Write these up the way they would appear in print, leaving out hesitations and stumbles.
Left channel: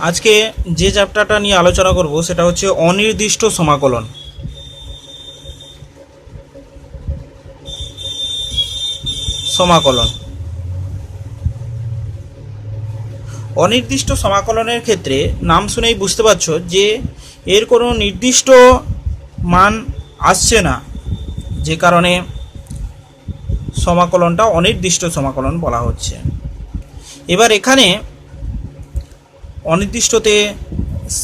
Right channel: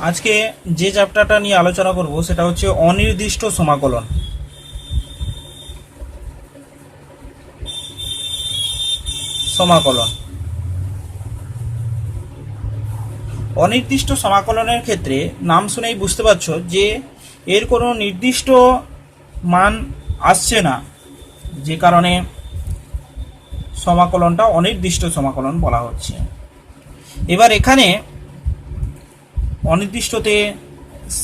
আজকে যে চ্যাপ্টারটা নিয়ে আলোচনা করব সেটা হচ্ছে অনির্দিষ্ট সমাকলন। সমাকলন অনির্দিষ্ট সমাকলনের ক্ষেত্রে নাম শুনেই বুঝতে পারছো যে এর কোনো নির্দিষ্ট মান আসছে না, যে কারণে সমাকলনটা অনির্দিষ্ট সমাকলন বলা হচ্ছে। এবার এখানে অনির্দিষ্টতে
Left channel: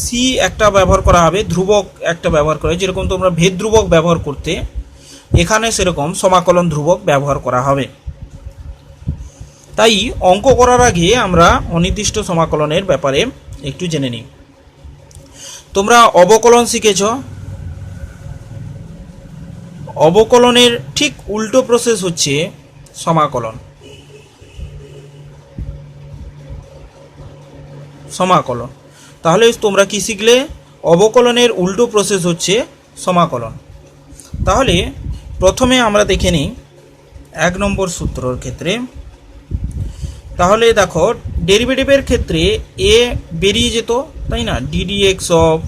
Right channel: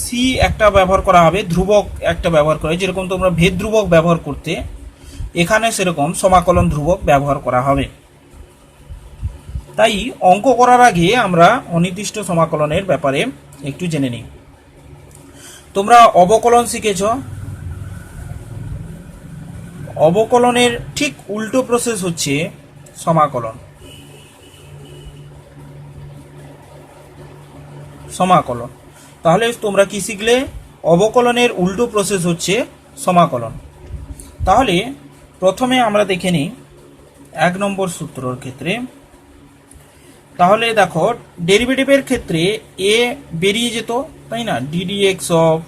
সি একটা ব্যবহার করা হবে, ধ্রুবক একটা ব্যবহার করে, যেরকম তোমরা ভেদ ধ্রুবক ব্যবহার করতে, এখানে সেরকম সমাকলন ধ্রুবক ব্যবহার করা হবে। তাই অঙ্ক করার আগে আমরা অনির্দিষ্ট সমাকলনের ব্যাপারে একটু জেনে নিই। তোমরা অবকলন শিখেছ, অবকলনের ঠিক উল্টো প্রসেস হচ্ছে সমাকলন। সমাকলন তাহলে তোমরা কি শিখলে? অবকলনের উল্টো প্রসেস হচ্ছে সমাকলন। তাহলে প্রথমে আমরা দেখে নিই 1 নম্বর সূত্রর ক্ষেত্রে। তাহলে দেখো, ডেরিভেটিভের ক্ষেত্রে এ বেরিয়ে যেত, তাই না? Ddx of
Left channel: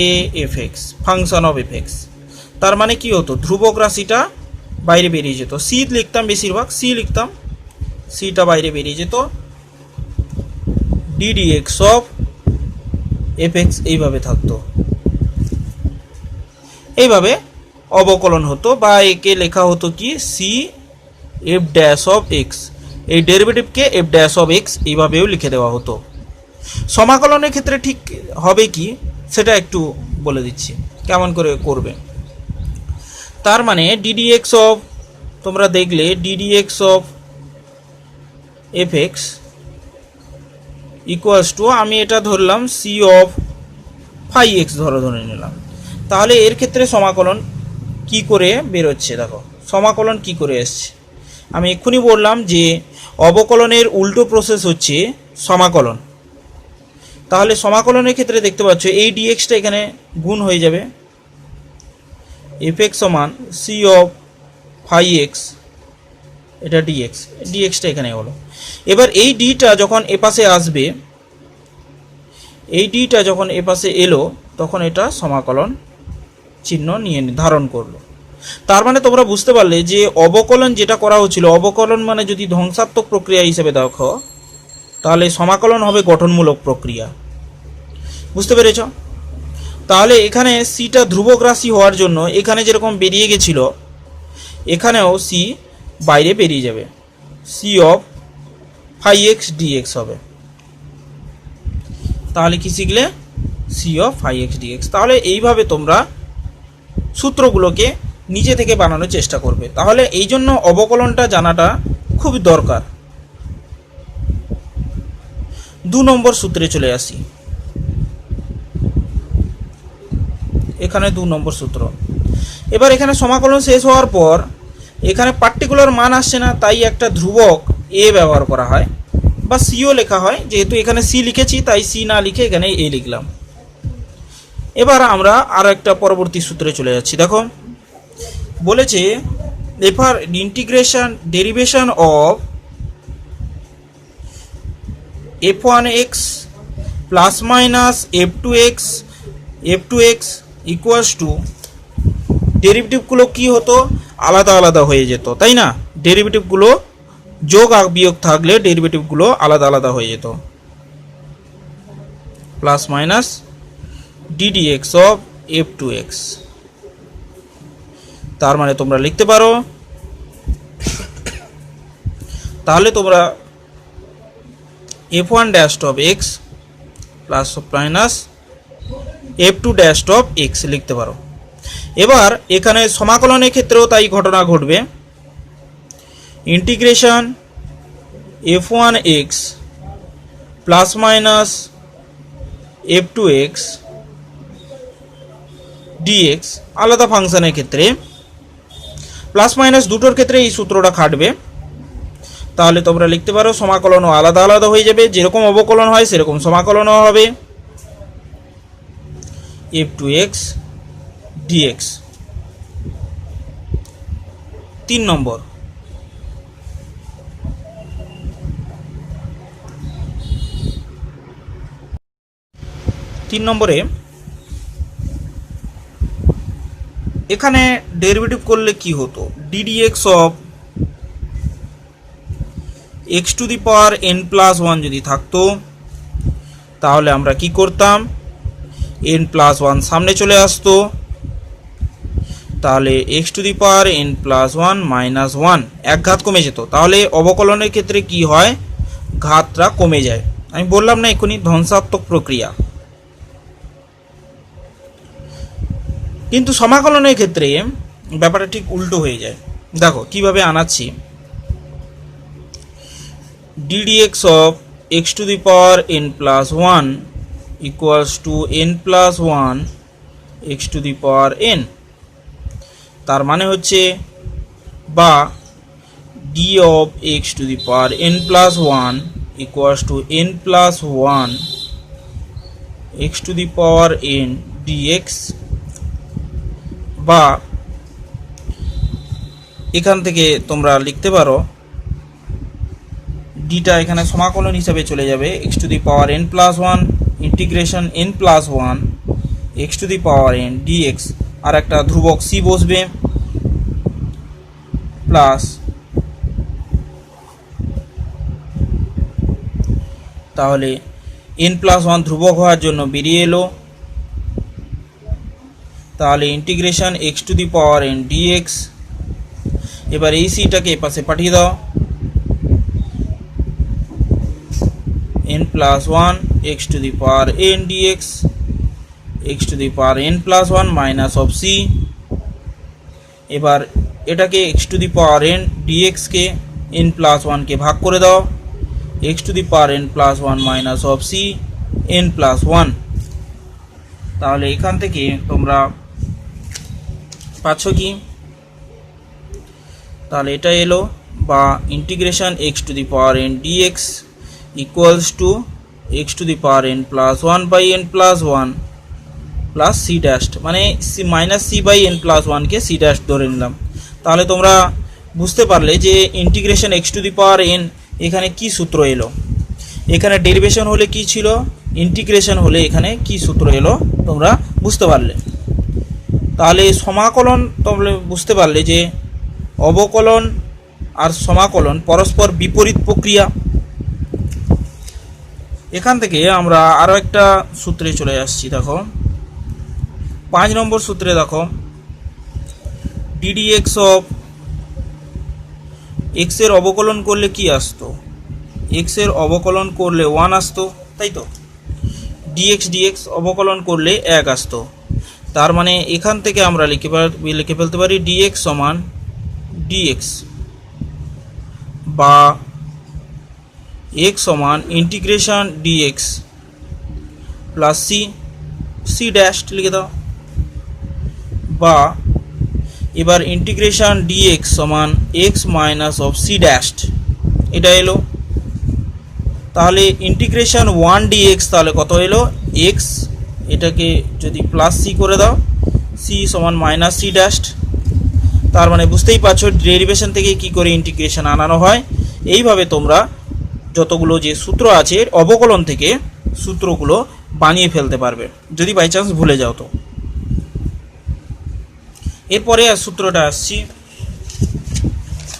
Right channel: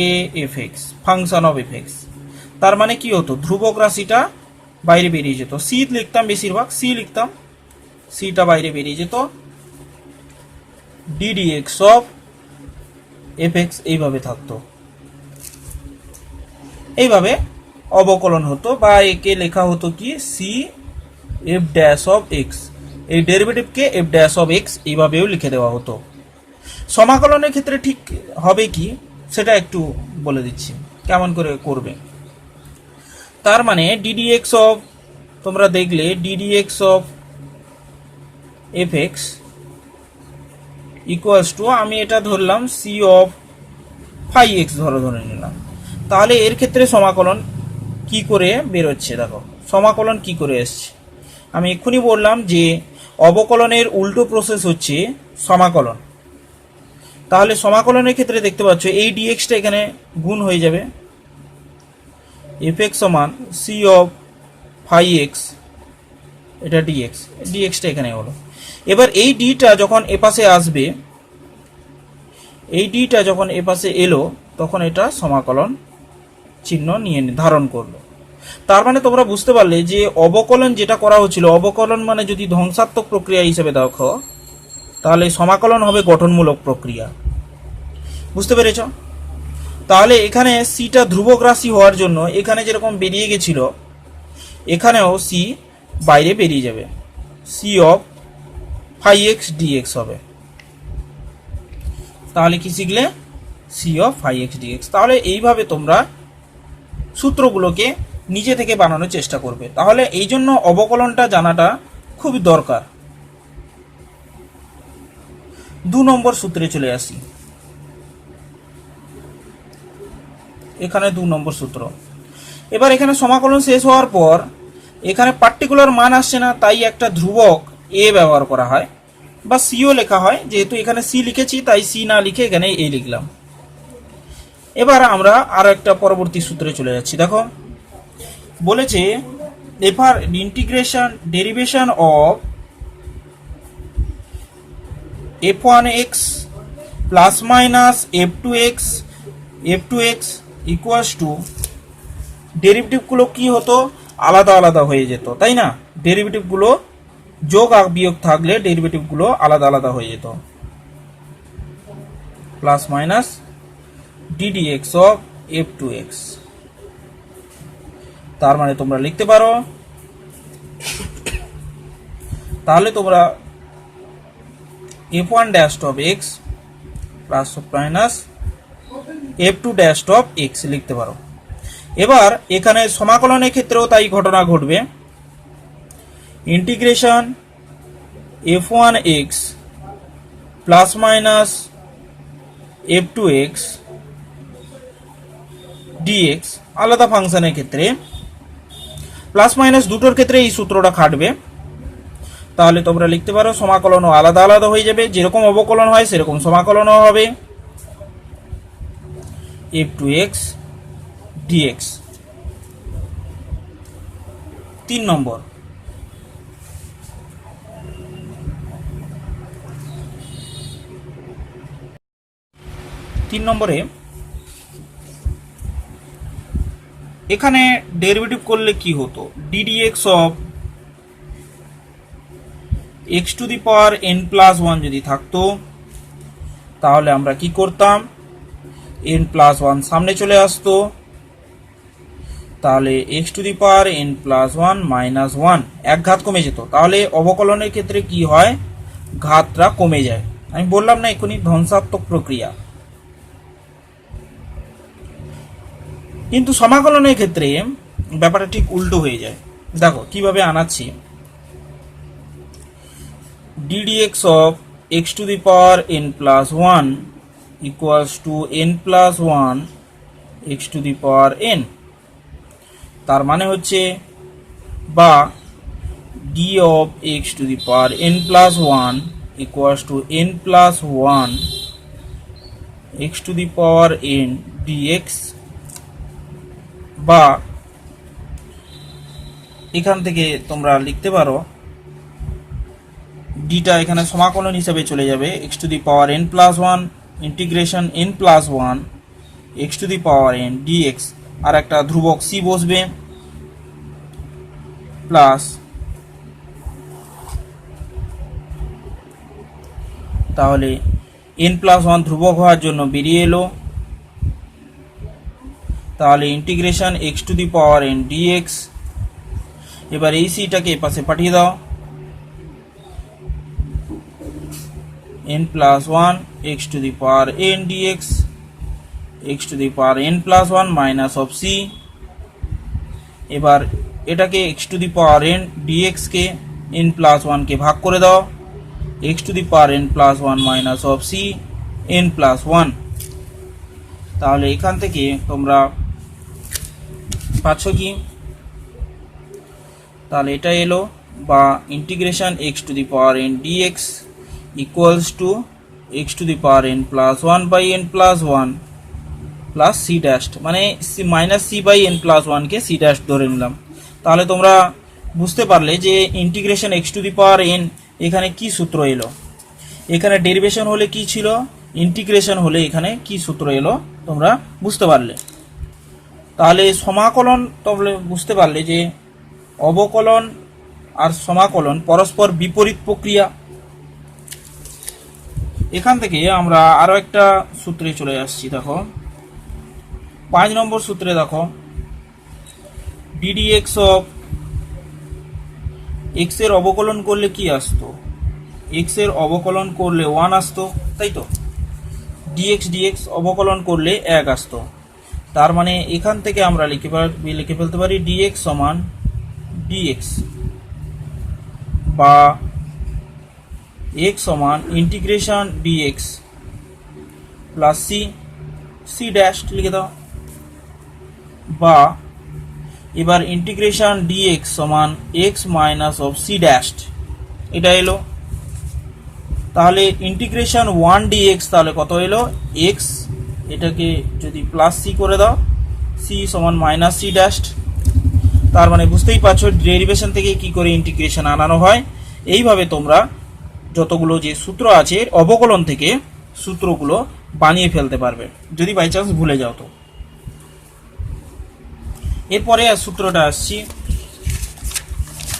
A F x function of F x. তার মানে কি হতো? ধ্রুবক রাশিটা বাইরে বেরিয়ে যেত। সি লিখতাম, বেশিরভাগ সি লিখতাম, সিটা বাইরে বেরিয়ে যেত। ডিডিএক্স অফ এফ এক্স এইভাবে থাকতো, এইভাবে অবকলন হতো, বা একে লেখা হতো কি c f dash of x. এই ডেরিভেটিভকে এফ ড্যাশ অফ এক্স এইভাবেও লিখে দেওয়া হতো। সমাকলনের ক্ষেত্রে ঠিক হবে কি সেটা একটু বলে দিচ্ছি কেমন করে করবে। তার মানে ডিডিএক্স অফ, তোমরা দেখলে ddx of F x equals two, আমি এটা ধরলাম সি অফ ফাই এক্স ধরে নিলাম। তাহলে এর ক্ষেত্রে সমাকলন কি করে বেরোচ্ছে? দেখো সমাকলন কি করে এসছে। আমি এক্ষুনি বললাম যে অবকলনের উল্টো প্রসেস হচ্ছে সমাকলন। তাহলে সমাকলনের ক্ষেত্রে দেখতে পাচ্ছ এই ডিএক্সটা এখানে গুণ হয়ে যাবে, এফ এক্স সমান সি অফ ফাই এক্স, এটা ডিএক্স, ডিএক্সটা এখানে হলো। এবার এই ডিটা যখন এপাশে আসবে, এই ডিটা যখন এপাশে এলো, তখন এটা সমাকলন চিহ্ন নিয়ে ধারণ করলো। তার মানে তোমরা বুঝতে পারলে যে অবকলন যেটা করা হচ্ছিল, অবকলন মানে যদি ধ্বংসাত্মক প্রক্রিয়া হিসেবে দেখো, তাহলে সমাকলন হবে গঠনমূলক প্রক্রিয়া। বুঝতে পেরেছ? তাহলে এখানে সিটা ধ্রুবক রাশি হওয়ার জন্য এখানে যেরকম বেরিয়ে গেছিল, এখানেও সি বাইরে বেরিয়ে যাবে, c of phi x dx হবে। তাহলে কি শিখলে? C of phi x dx. তাহলে এইভাবে তোমরা সূত্রগুলোকে নিজে থেকে বানানোর চেষ্টা করবে। তাহলে এই জন্য অবকলনটা জানাটা খুবই দরকার। 2 নম্বর সূত্রে চলে আসি। এখানে 2 নম্বর সূত্র। এবার এখানে সমাকলন শেষ হওয়ার পর এখানে পার্টিকুলার মান আসছে না, তাই একটা ধ্রুবক এ ব্যবহার করা হয়, বা সিও লেখা হয়। যেহেতু এখানে সি লিখেছি তাই সি না লিখে এখানে এ লিখলাম। এবার আমরা আরো একটা পরবর্তী সূত্রে চলে যাচ্ছি। দেখো বলেছে এফার integration derivation of f one x plus minus f two x equals to, ডেরিভেটিভগুলো কি হতো? আলাদা আলাদা হয়ে যেত, তাই না? ডেরিভেটিভগুলো যোগ আর বিয়োগ থাকলে ডেরিভেটিভগুলো আলাদা আলাদা হয়ে যেত। Plus minus ddx of f two x. তার মানে তোমরা লিখতে পারো, তাহলে তোমরা f one dash of x plus minus f two dash of x লিখতে পারো। এবার এখানে সমাকলনের ক্ষেত্রেও তাই ঘটনা ঘটবে। Integration f one x plus minus f two x dx আলাদা ফাংশনের ক্ষেত্রে, প্লাস মাইনাস দুটোর ক্ষেত্রে এই সূত্রটা খাটবে। তাহলে তোমরা লিখতে পারো সমাকলনও আলাদা আলাদা হয়ে যাবে, যেরকম অবকলন হয় সেরকম সমাকলনও হবে, এফ টু এক্স ডিএক্স। 3 নম্বর, 3 নম্বরে এখানে ডেরিভেটিভ করলে কি হতো, ddx of x to the power n plus 1 যদি থাকতো তাহলে আমরা কি করতাম, n প্লাস 1 সামনে চলে আসতো, তাহলে x to the power n plus 1 minus 1 এক ঘাত কমে যেত। তাহলে অবকলনের ক্ষেত্রে কি হয়, ঘাতটা কমে যায়। আমি বললাম না এখনই ধ্বংসাত্মক প্রক্রিয়া। কিন্তু সমাকলনের ক্ষেত্রে ব্যাপারটা ঠিক উল্টো হয়ে যায়। দেখো কিভাবে আনাচ্ছি, ddx of x to the power n plus 1 equals to n plus 1 x to the power n। তার মানে হচ্ছে বা d of x to the power n plus 1 equals to n plus 1 x to the power n dx, বা এখান থেকে তোমরা লিখতে পারো ডিটা এখানে সমাকলন হিসেবে চলে যাবে x to the power n plus 1 integration n plus 1 x to the power n dx, আর একটা ধ্রুবক c বসবে প্লাস, তাহলে n প্লাস 1 ধ্রুবক হওয়ার জন্য বেরিয়ে এলো, তাহলে integration x to the power n dx। এবার এই সিটাকে এপাশে পাঠিয়ে দাও, n plus 1 x to the power n dx, x to the power n plus 1 minus of c। এবার এটাকে x to the power n dx K n plus 1 কে ভাগ করে দাও, x to the power n plus 1 minus of c n plus 1। তাহলে এখান থেকে তোমরা পাচ্ছ কি, তাহলে এটা এলো, বা integration x to the power n dx equals to x to the power n plus 1 by n plus 1 plus c dash, মানে minus c by n plus 1 কে c ড্যাশ ধরে নিলাম। তাহলে তোমরা বুঝতে পারলে যে integration x to the power n এখানে কি সূত্র এলো, এখানে ডেরিভেশন হলে কি ছিল, ইন্টিগ্রেশন হলে এখানে কি সূত্র এলো তোমরা বুঝতে পারলে। তাহলে সমাকলন তোমরা বুঝতে পারলে যে অবকলন আর সমাকলন পরস্পর বিপরীত প্রক্রিয়া। এখান থেকে আমরা আরো একটা সূত্রে চলে আসছি। দেখো 5 নম্বর সূত্রে দেখো ddx অফ x এর অবকলন করলে কি আসতো, x এর অবকলন করলে 1 আসতো, তাই তো, dx অবকলন করলে 1 আসতো। তার মানে এখান থেকে আমরা লিখে ফেলতে পারি dx সমান dx, বা x সমান integration dx plus c dash লিখে দাও, বা এবার ইন্টিগ্রেশন dx সমান x minus of c dash, এটা এলো। তাহলে ইন্টিগ্রেশন 1 dx তাহলে কত এলো, x, এটাকে যদি প্লাস c করে দাও, c সমান মাইনাস c ড্যাশ। তার মানে বুঝতেই পারছো ডেরিভেশন থেকে কি করে ইন্টিগ্রেশন আনানো হয়। এইভাবে তোমরা যতগুলো যে সূত্র আছে অবকলন থেকে সূত্রগুলো বানিয়ে ফেলতে পারবে যদি বাই চান্স ভুলে যাও তো। এরপরে আর সূত্রটা আসছি,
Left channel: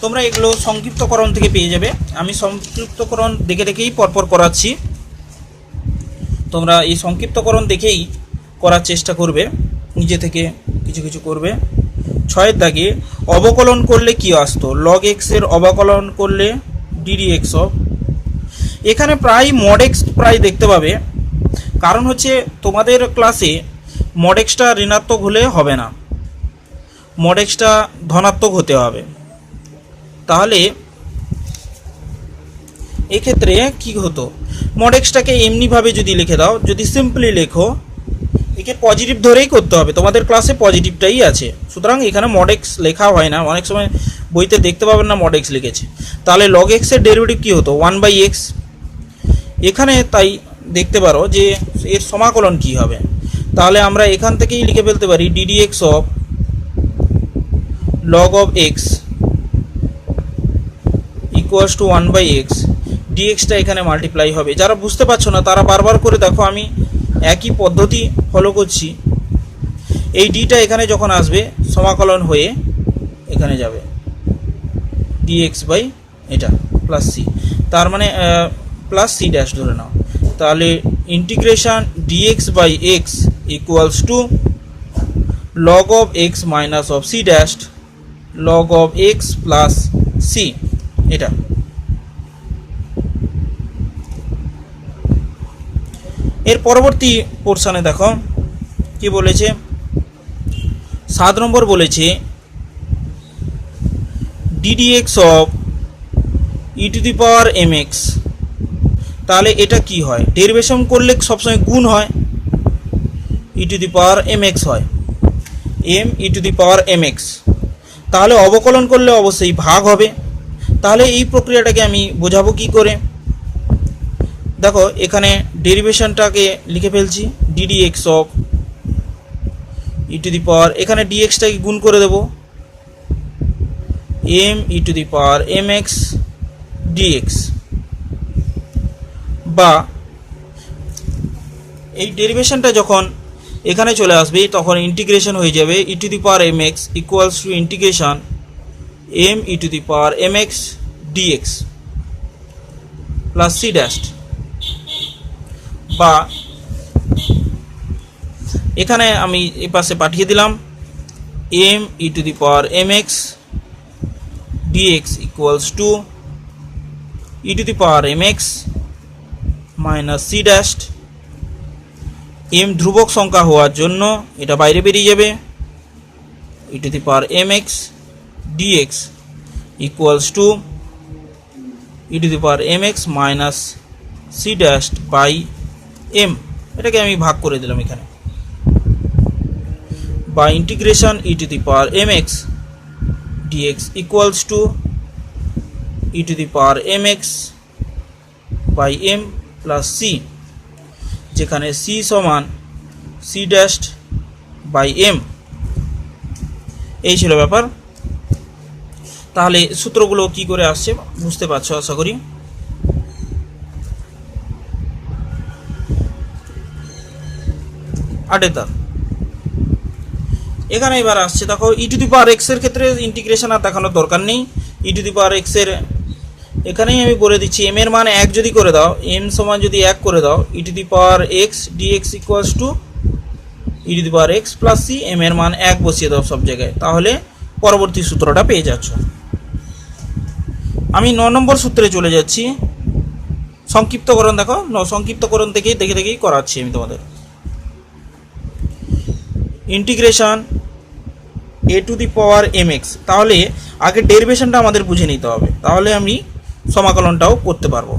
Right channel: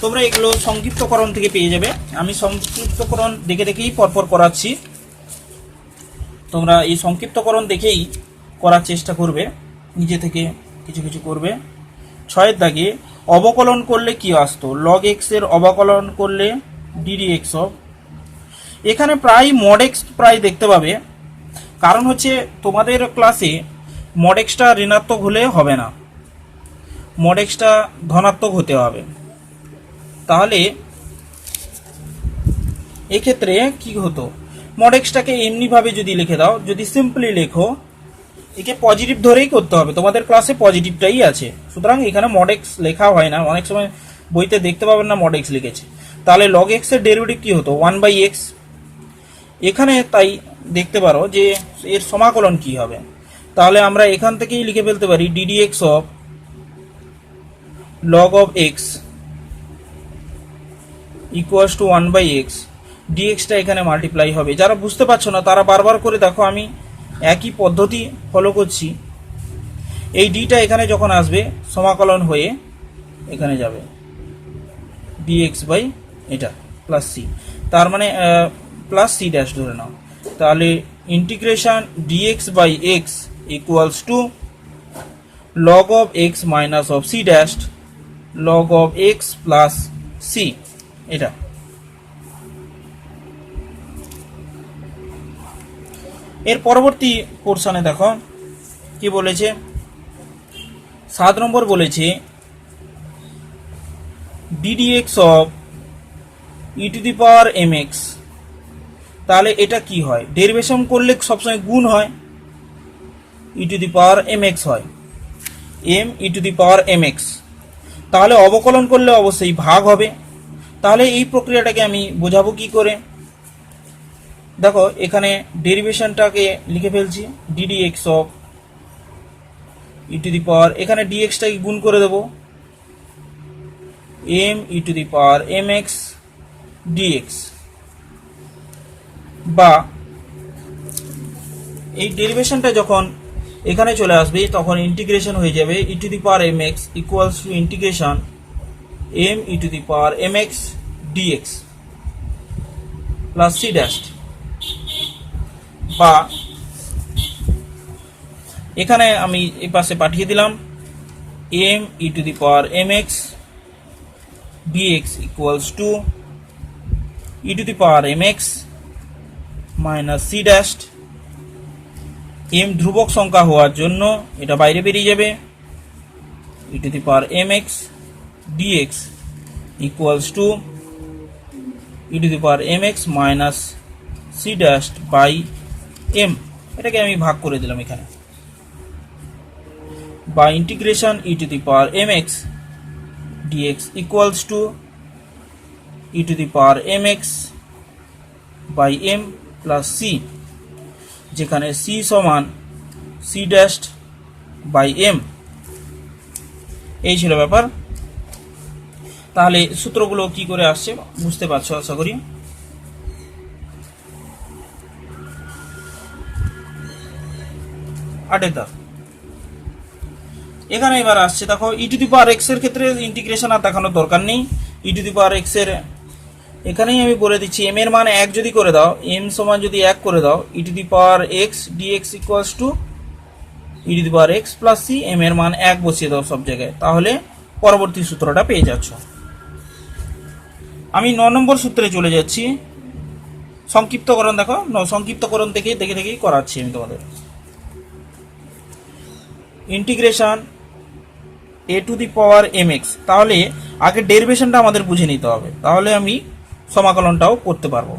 তোমরা এগুলো সংক্ষিপ্তকরণ থেকে পেয়ে যাবে। আমি সংক্ষিপ্তকরণ দেখে দেখেই পরপর করাচ্ছি, তোমরা এই সংক্ষিপ্তকরণ দেখেই করার চেষ্টা করবে, নিজে থেকে কিছু কিছু করবে। 6 দাগে অবকলন করলে কি আসতো, log x এর অবকলন করলে ddx অফ, এখানে প্রায় mod x প্রায় দেখতে পাবে, কারণ হচ্ছে তোমাদের ক্লাসে mod x টা ঋণাত্মক হলে হবে না, mod x টা ধনাত্মক হতে হবে। তাহলে এক্ষেত্রে কি হতো, mod x টাকে এমনিভাবে যদি লিখে দাও, যদি সিম্পলি লেখো, একে পজিটিভ ধরেই করতে হবে, তোমাদের ক্লাসে পজিটিভটাই আছে, সুতরাং এখানে mod x লেখা হয় না, অনেক সময় বইতে দেখতে পাবেন না mod x লিখেছে। তাহলে log x এর ডেরিভেটিভ কি হতো, 1/x। এখানে তাই দেখতে পারো যে এর সমাকলন কি হবে, তাহলে আমরা এখান থেকেই লিখে ফেলতে পারি ddx of log of x equals to 1/x, dx টা এখানে মাল্টিপ্লাই হবে। যারা বুঝতে পারছো না তারা বারবার করে দেখো, আমি একই পদ্ধতি ফলো করছি। এই ডিটা এখানে যখন আসবে সমাকলন হয়ে এখানে যাবে ডিএক্স বাই এটা প্লাস সি, তার মানে প্লাস সি ড্যাশ ধরে নাও। তাহলে integration dx by x equals to log of x minus of c dash log of x plus c. এটা এর পরবর্তী পোর্শনে দেখো কি বলেছে। 7 নম্বর বলেছে d d x of e to the power m x. তাহলে এটা কি হয়, ডেরিভেশন করলে সবসময় গুণ হয়, e to the power m x হয়, m e to the power m x. তাহলে অবকলন করলে অবশ্যই ভাগ হবে। তাহলে এই প্রক্রিয়াটাকে আমি বোঝাবো কি করে, দেখো এখানে ডেরিভেশনটাকে লিখে ফেলছি d d x of e to the power, এখানে ডিএক্সটাকে গুণ করে দেবো m e to the power m x dx, বা এই ডেরিভেশনটা যখন এখানে চলে আসবে তখন ইন্টিগ্রেশন হয়ে যাবে e to the power m x equals to integration m e to the power m x d x plus c dash, বা এখানে আমি এই পাশে পাঠিয়ে দিলাম m e to the power m x dx equals to e to the power m x minus c dash. M ধ্রুবক সংখ্যা হওয়ার জন্য এটা বাইরে বেরিয়ে যাবে e to the power m x dx equals to e to the power m x minus c dash by m. এটাকে আমি ভাগ করে দিলাম এখানে, বা integration e to the power m x dx equals to e to the power m x by m plus c, যেখানে c সমান c dash by m. এই ছিল ব্যাপার। তাহলে সূত্রগুলো কি করে আসছে বুঝতে পারছো আশা করি। আটের দাগ এখানে এবার আসছে, দেখো ই টু দি পাওয়ার এক্স এর ক্ষেত্রে ইন্টিগ্রেশন আর দেখানোর দরকার নেই। ই টু দি পাওয়ার এক্স এর এখানেই আমি বলে দিচ্ছি এম এর মান 1 যদি করে দাও, এম সমান যদি 1 করে দাও, e to the power x dx equals to e to the power x plus c, m এর মান 1 বসিয়ে দাও সব জায়গায়, তাহলে পরবর্তী সূত্রটা পেয়ে যাচ্ছ। আমি 9 নম্বর সূত্রে চলে যাচ্ছি। সংক্ষিপ্তকরণ দেখো, সংক্ষিপ্তকরণ থেকেই দেখেই করাচ্ছি আমি তোমাদের। Integration a to the power m x, তাহলে আগে ডেরিভেশনটা আমাদের বুঝে নিতে হবে, তাহলে আমি সমাকলনটাও করতে পারবো।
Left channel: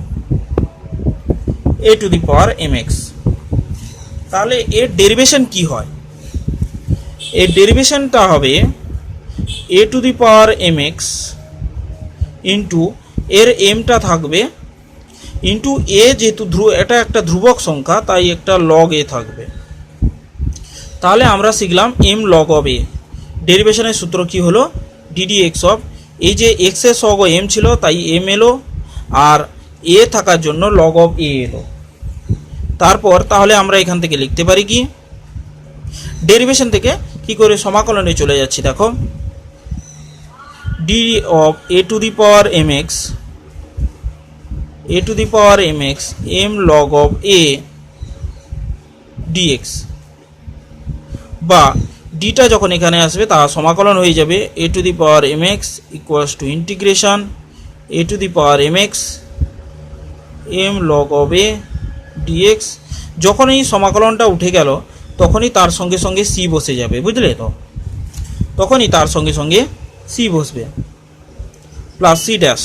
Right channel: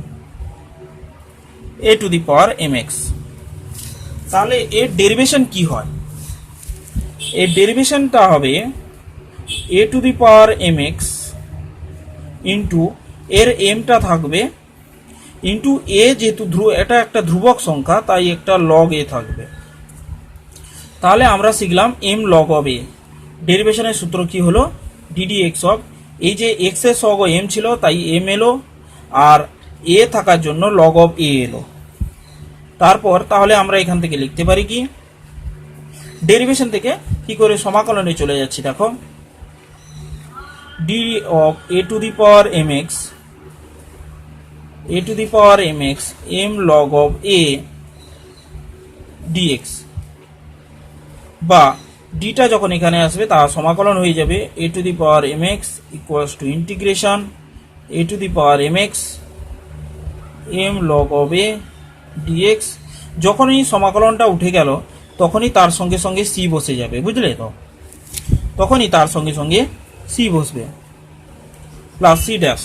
A to the power m x, তাহলে এর ডেরিভেশন কি হয়, এর ডেরিভেশনটা হবে a to the power m x into এর এমটা থাকবে ইন্টু এ, যেহেতু এটা একটা ধ্রুবক সংখ্যা তাই একটা লগ এ থাকবে। তাহলে আমরা শিখলাম এম লগ অফ এ। ডেরিভেশনের সূত্র কি হলো, ডিডি এক্স অফ, এই যে এক্স এর সহগ এম ছিল তাই এম এলো, আর এ থাকার জন্য লগ অফ এ এলো। তারপর তাহলে আমরা এখান থেকে লিখতে পারি কি, ডেরিভেশন থেকে কি করে সমাকলনে চলে যাচ্ছি, দেখো d of a to the power m x, a to the power m x m log of a d x, বা ডিটা যখন এখানে আসবে তা সমাকলন হয়ে যাবে a to the power m x equals to integration a to the power m x m log of a d x. যখনই সমাকলনটা উঠে গেল তখনই তার সঙ্গে সঙ্গে সি বসে যাবে, বুঝলে তো, তখনই তার সঙ্গে সঙ্গে সি বসবে প্লাস সি ড্যাশ।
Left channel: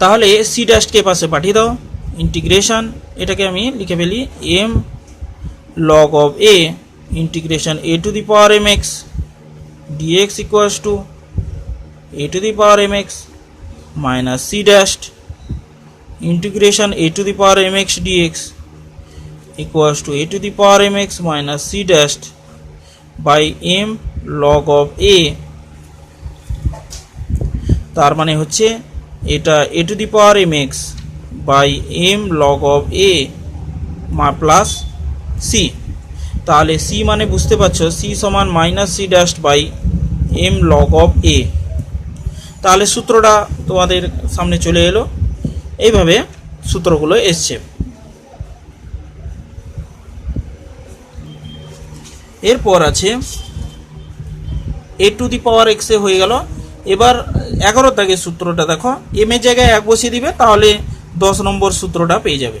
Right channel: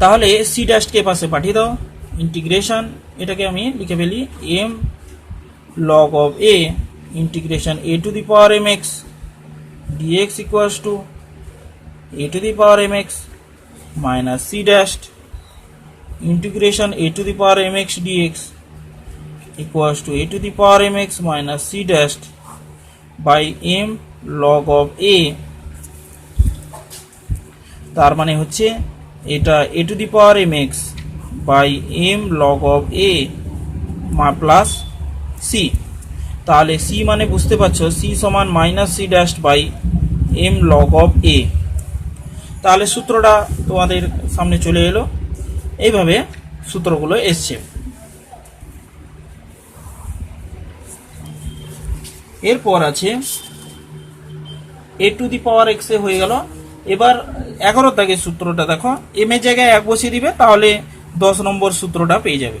তাহলে সি ড্যাশকে পাশে পাঠিয়ে দাও, ইন্টিগ্রেশন এটাকে আমি লিখে ফেলি M log of a integration a to the power mx dx equals to a to the power mx minus c dashed integration a to the power mx dx equals to a to the power mx minus c dashed by m log of a। তার মানে হচ্ছে এটা a to the power mx by m log of a plus c. তাহলে c মানে বুঝতে পারছো, c সমান minus c dash by m log of a. তাহলে সূত্রটা তোমাদের সামনে চলে এলো, এইভাবে সূত্রগুলো এসছে। এরপর আছে এ টু দি পাওয়ার এক্স এ হয়ে গেল। এবার 11 দাগের সূত্রটা দেখো, এম এর জায়গায় 1 বসিয়ে দিবে, তাহলে 10 নম্বর সূত্রটা পেয়ে যাবে।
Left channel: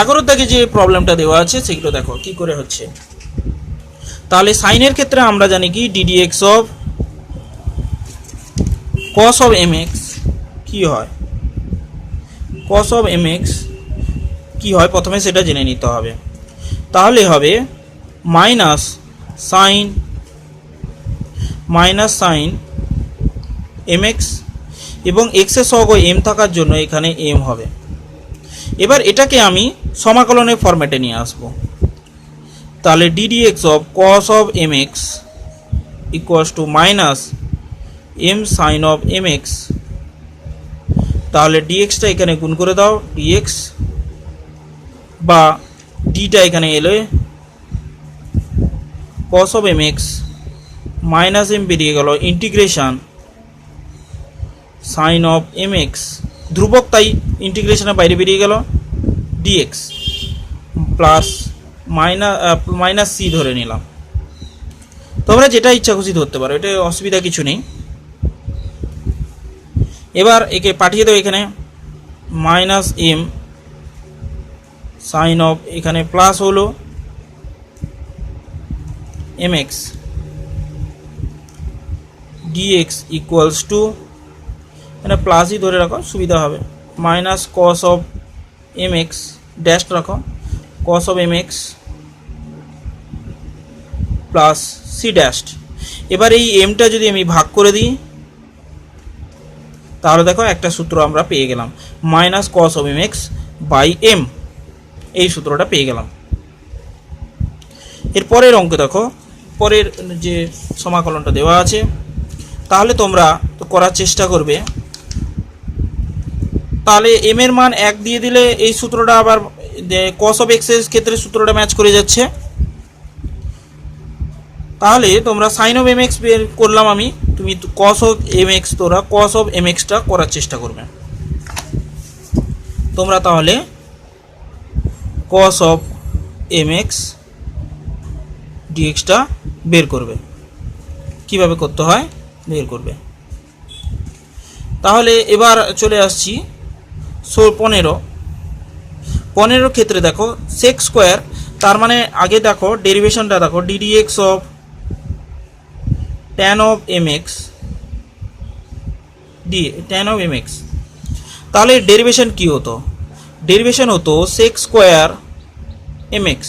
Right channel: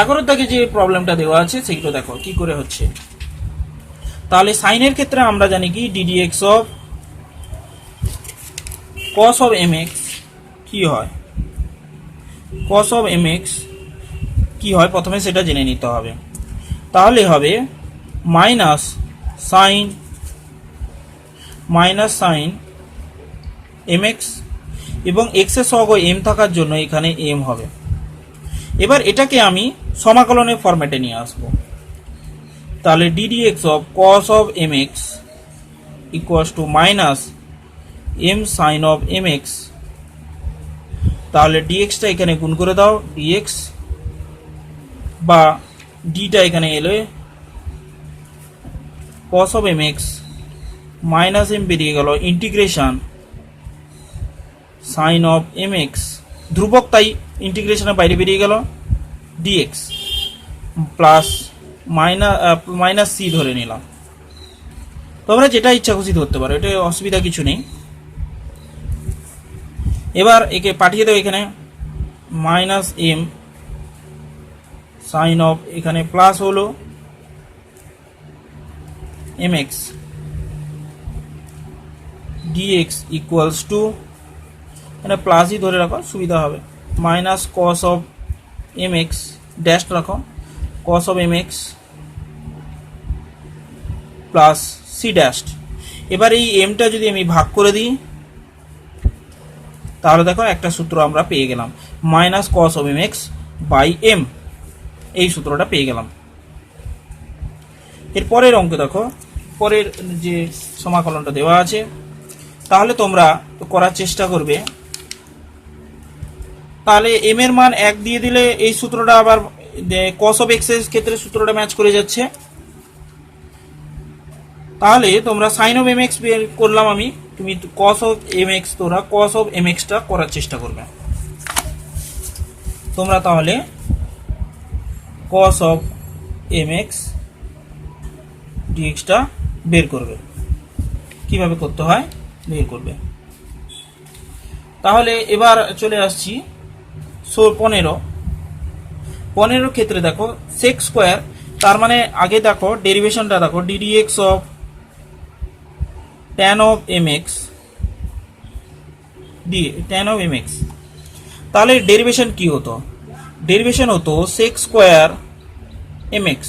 11 দাগে যে প্রবলেমটা দেওয়া আছে সেগুলো দেখো কি করে হচ্ছে। তাহলে সাইনের ক্ষেত্রে আমরা জানি কি dd x of cos of m x কি হয়, কস অফ এম এক্স কি হয় প্রথমে সেটা জেনে নিতে হবে। তাহলে হবে মাইনাস সাইন এম এক্স, এবং এক্সের সহগ এম থাকার জন্য এখানে এম হবে। এবার এটাকে আমি সমাকলনের ফরম্যাটে নিয়ে আসব। তাহলে dd x of cos of m x equals to minus m sine of m x. তাহলে ডিএক্সটা এখানে গুণ করে দাও, ডিএক্স বা ডিটা এখানে এলে cos of m x minus m বেরিয়ে গেল, integration sine of m x, ধ্রুবক তাই ইন্টিগ্রেশনের বাইরে বেরিয়ে গেল, ডিএক্স প্লাস মাইনাস সি ধরে নিলাম। তোমরা যেটা ইচ্ছা খুশি ধরতে পারো, এটা অসুবিধা কিছু নেই। এবার একে পাঠিয়ে দাও এখানে, মাইনাস এম সাইন অফ এখানে প্লাস হলো m x dx equals to, এখানে প্লাসই ধরে রাখো সুবিধা হবে, minus cos of m x dash রাখো, cos of m x plus c dash. এবার এই এমটা যদি আমি ভাগ করে দিই, তাহলে দেখো একটা সূত্র আমরা পেয়ে গেলাম, minus cos of m x by m, এই সূত্রটা পেয়ে গেলাম। এর পরের অঙ্ক দেখো, পরের যে সমাকলনটা দেওয়া আছে, তাহলে তোমরা তো করার চেষ্টা করবে। তাহলে এম এর মান 1 দিয়ে দিলে এই সূত্রটা আবার কস অফ এক্স এর ক্ষেত্রে সূত্রটা ম্যাচ করে যাচ্ছে। তাহলে তোমরা সাইন অফ এম এক্স বের করলাম আমি, তুমি কস অফ এম এক্স, তোরা কস অফ এম এক্সটা করার চেষ্টা করবে। তোমরা তাহলে কস অফ এম এক্স ডিএক্সটা বের করবে, কিভাবে করতে হয় বের করবে। তাহলে এবার চলে আসছি 15 ক্ষেত্রে দেখো সেক স্কোয়ার, তার মানে আগে দেখো ডেরিভেশনটা দেখো, d d x of tan of m x tan of m x. তাহলে ডেরিভেশন কি হতো, ডেরিভেশন হতো sec square m x,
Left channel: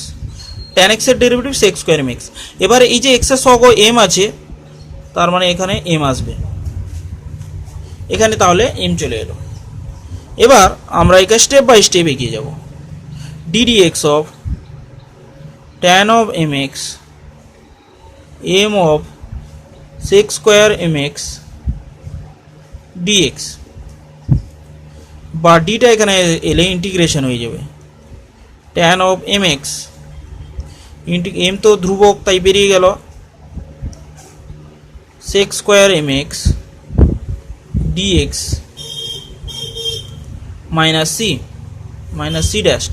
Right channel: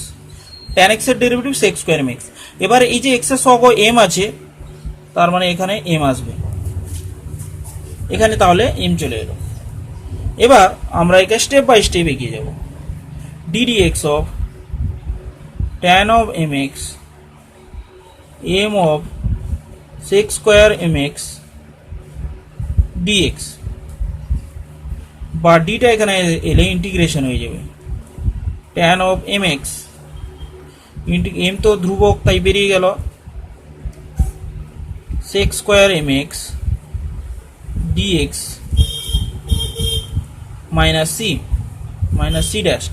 tan x এর derivative sec square m x. এবার এই যে এক্স এর সহগ এম আছে, তার মানে এখানে এম আসবে, এখানে তাহলে এম চলে এলো। এবার আমরা একে স্টেপ বাই স্টেপ এগিয়ে যাব। Dd x of tan of m x m of sec square m x dx, বা ডিটা এখানে এলে ইন্টিগ্রেশন হয়ে যাবে, tan of m x, m তো ধ্রুবক তাই বেরিয়ে গেল, sec square m x dx minus c dash.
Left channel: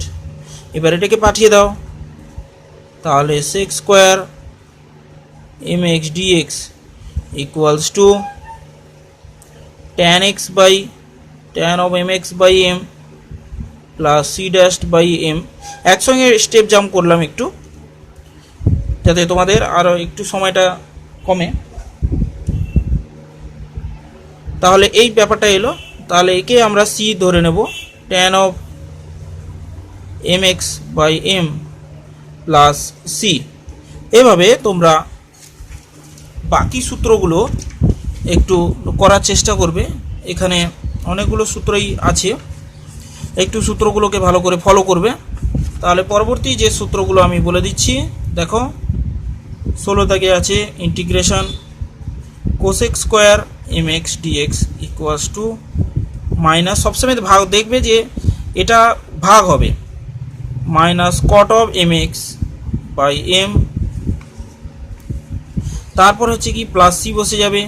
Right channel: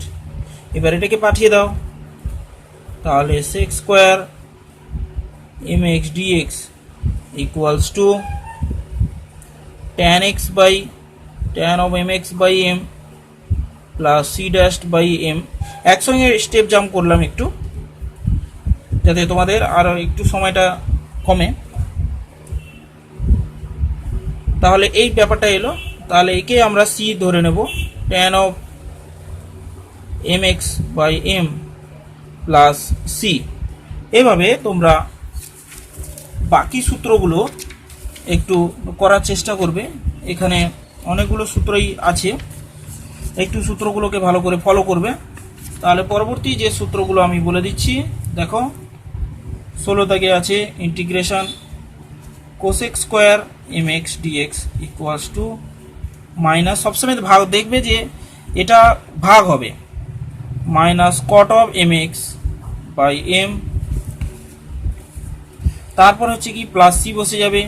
এবার এটাকে পাঠিয়ে দাও, তাহলে sec square m x dx equals to tan x by tan of m x by m plus c dash by m. একসঙ্গে স্টেপ জাম্প করলাম একটু, যাতে তোমাদের আরও একটু সময়টা কমে। তাহলে এই ব্যাপারটা এলো, তাহলে একে আমরা সি ধরে নেব, tan of m x by m plus c. এভাবে তোমরা বাকি সূত্রগুলো একটু করার চেষ্টা করবে, এখানে অনেকগুলো সূত্রই আছে, একটু সূত্রগুলোকে ভালো করে ফলো করবে। তাহলে পরবর্তী যে সূত্রগুলো আমি বলে দিচ্ছি দেখো, 16 দাগে আছে integration cosec square m x dx equals to minus, সবসময় ভাগ দেখবে যে এটা ভাগ হবে, minus cot of m x by m, তারপর হচ্ছে কি প্লাস সি বসে যাবে।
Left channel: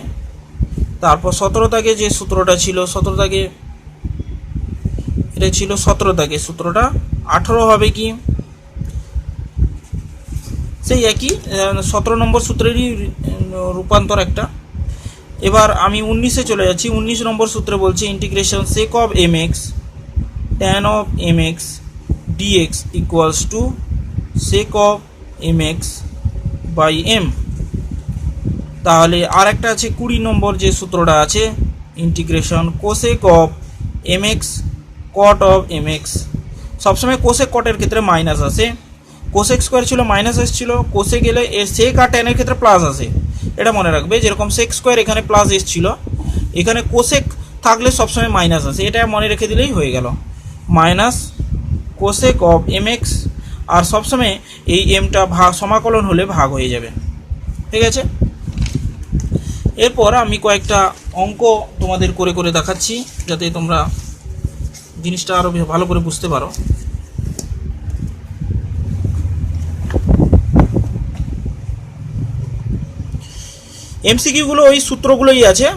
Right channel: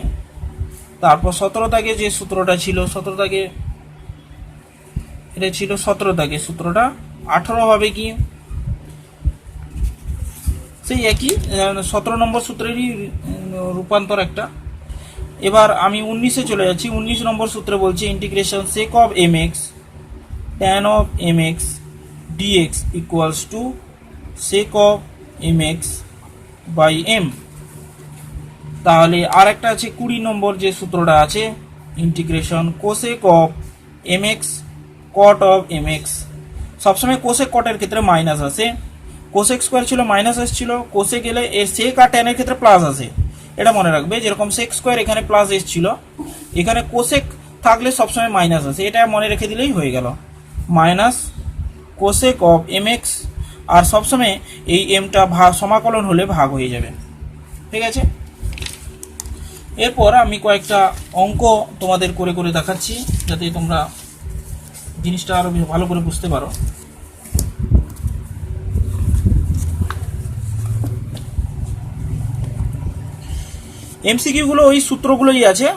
তারপর 17 দাগে যে সূত্রটা ছিল, 17 দাগে এটা ছিল 17 দাগে, সূত্রটা 18 হবে কি সেই একই 17 নম্বর সূত্রেরই রূপান্তর একটা। এবার আমি 19-এ চলে যাচ্ছি। 19 নম্বর সূত্রে বলছে integration sec of m x tan of m x dx equals to sec of m x by m. তাহলে আর একটা আছে 20 নম্বর যে সূত্রটা আছে integration cosec of m x cot of m x. সবসময় কোসেক কটের ক্ষেত্রে মাইনাস আসে, কোসেক স্কোয়ার ছিল মাইনাস এসেছিল, কোসে গেলে সেক আর ট্যানের ক্ষেত্রে প্লাস আসে, এটা মনে রাখবে। যেরকম সেক স্কোয়ার এখানে প্লাস এসেছিল, এখানে কোসেক থাকলে সবসময় মাইনাস আসে, এটা মনে রেখে দিলেই হয়ে গেল। Minus cosec of m x, আর সবসময় এই এমটা সমাকলন হলে ভাগ হয়ে যাবে, ঠিক আছে। এরপর আমি কয়েকটা অঙ্ক তোমাদের করে করে দেখাচ্ছি যাতে তোমরা জিনিসটা আরও ভালো করে বুঝতে পারো। এমসিকিউগুলো ওই সূত্রগুলোই আছে,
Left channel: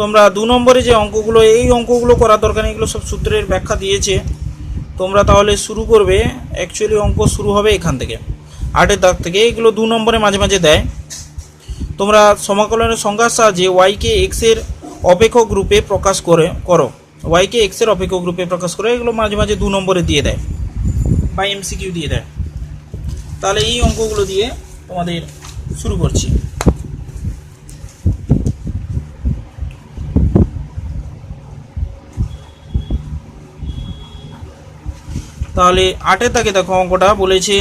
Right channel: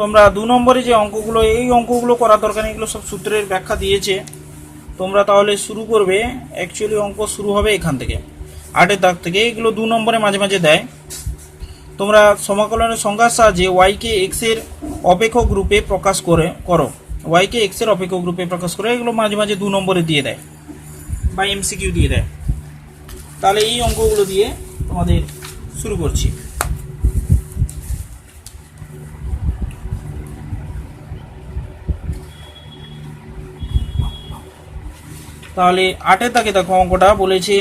তোমরা 2 নম্বরে যে অঙ্কগুলো, এই অঙ্কগুলো করার দরকার নেই, এগুলো সব সূত্রের ব্যাখ্যা দিয়েছে। তোমরা তাহলে শুরু করবে, অ্যাকচুয়ালি অঙ্ক শুরু হবে এখান থেকে 8-এর দাগ থেকে, এগুলো 2 নম্বরে মাঝে মাঝে দেয়। তোমরা সমাকলনের সংজ্ঞার সাহায্যে ওয়াইকে এক্সের অপেক্ষক রূপে প্রকাশ করো, ওয়াইকে এক্সের অপেক্ষক রূপে প্রকাশ করে, এগুলো মাঝে মাঝে 2 নম্বরে দিয়ে দেয় বা এমসিকিউ দিয়ে দেয়। তাহলে এই অঙ্কগুলো দিয়ে তোমাদের শুরু করছি। তাহলে 8-এর দাগে দেখো অঙ্কটা বলেছে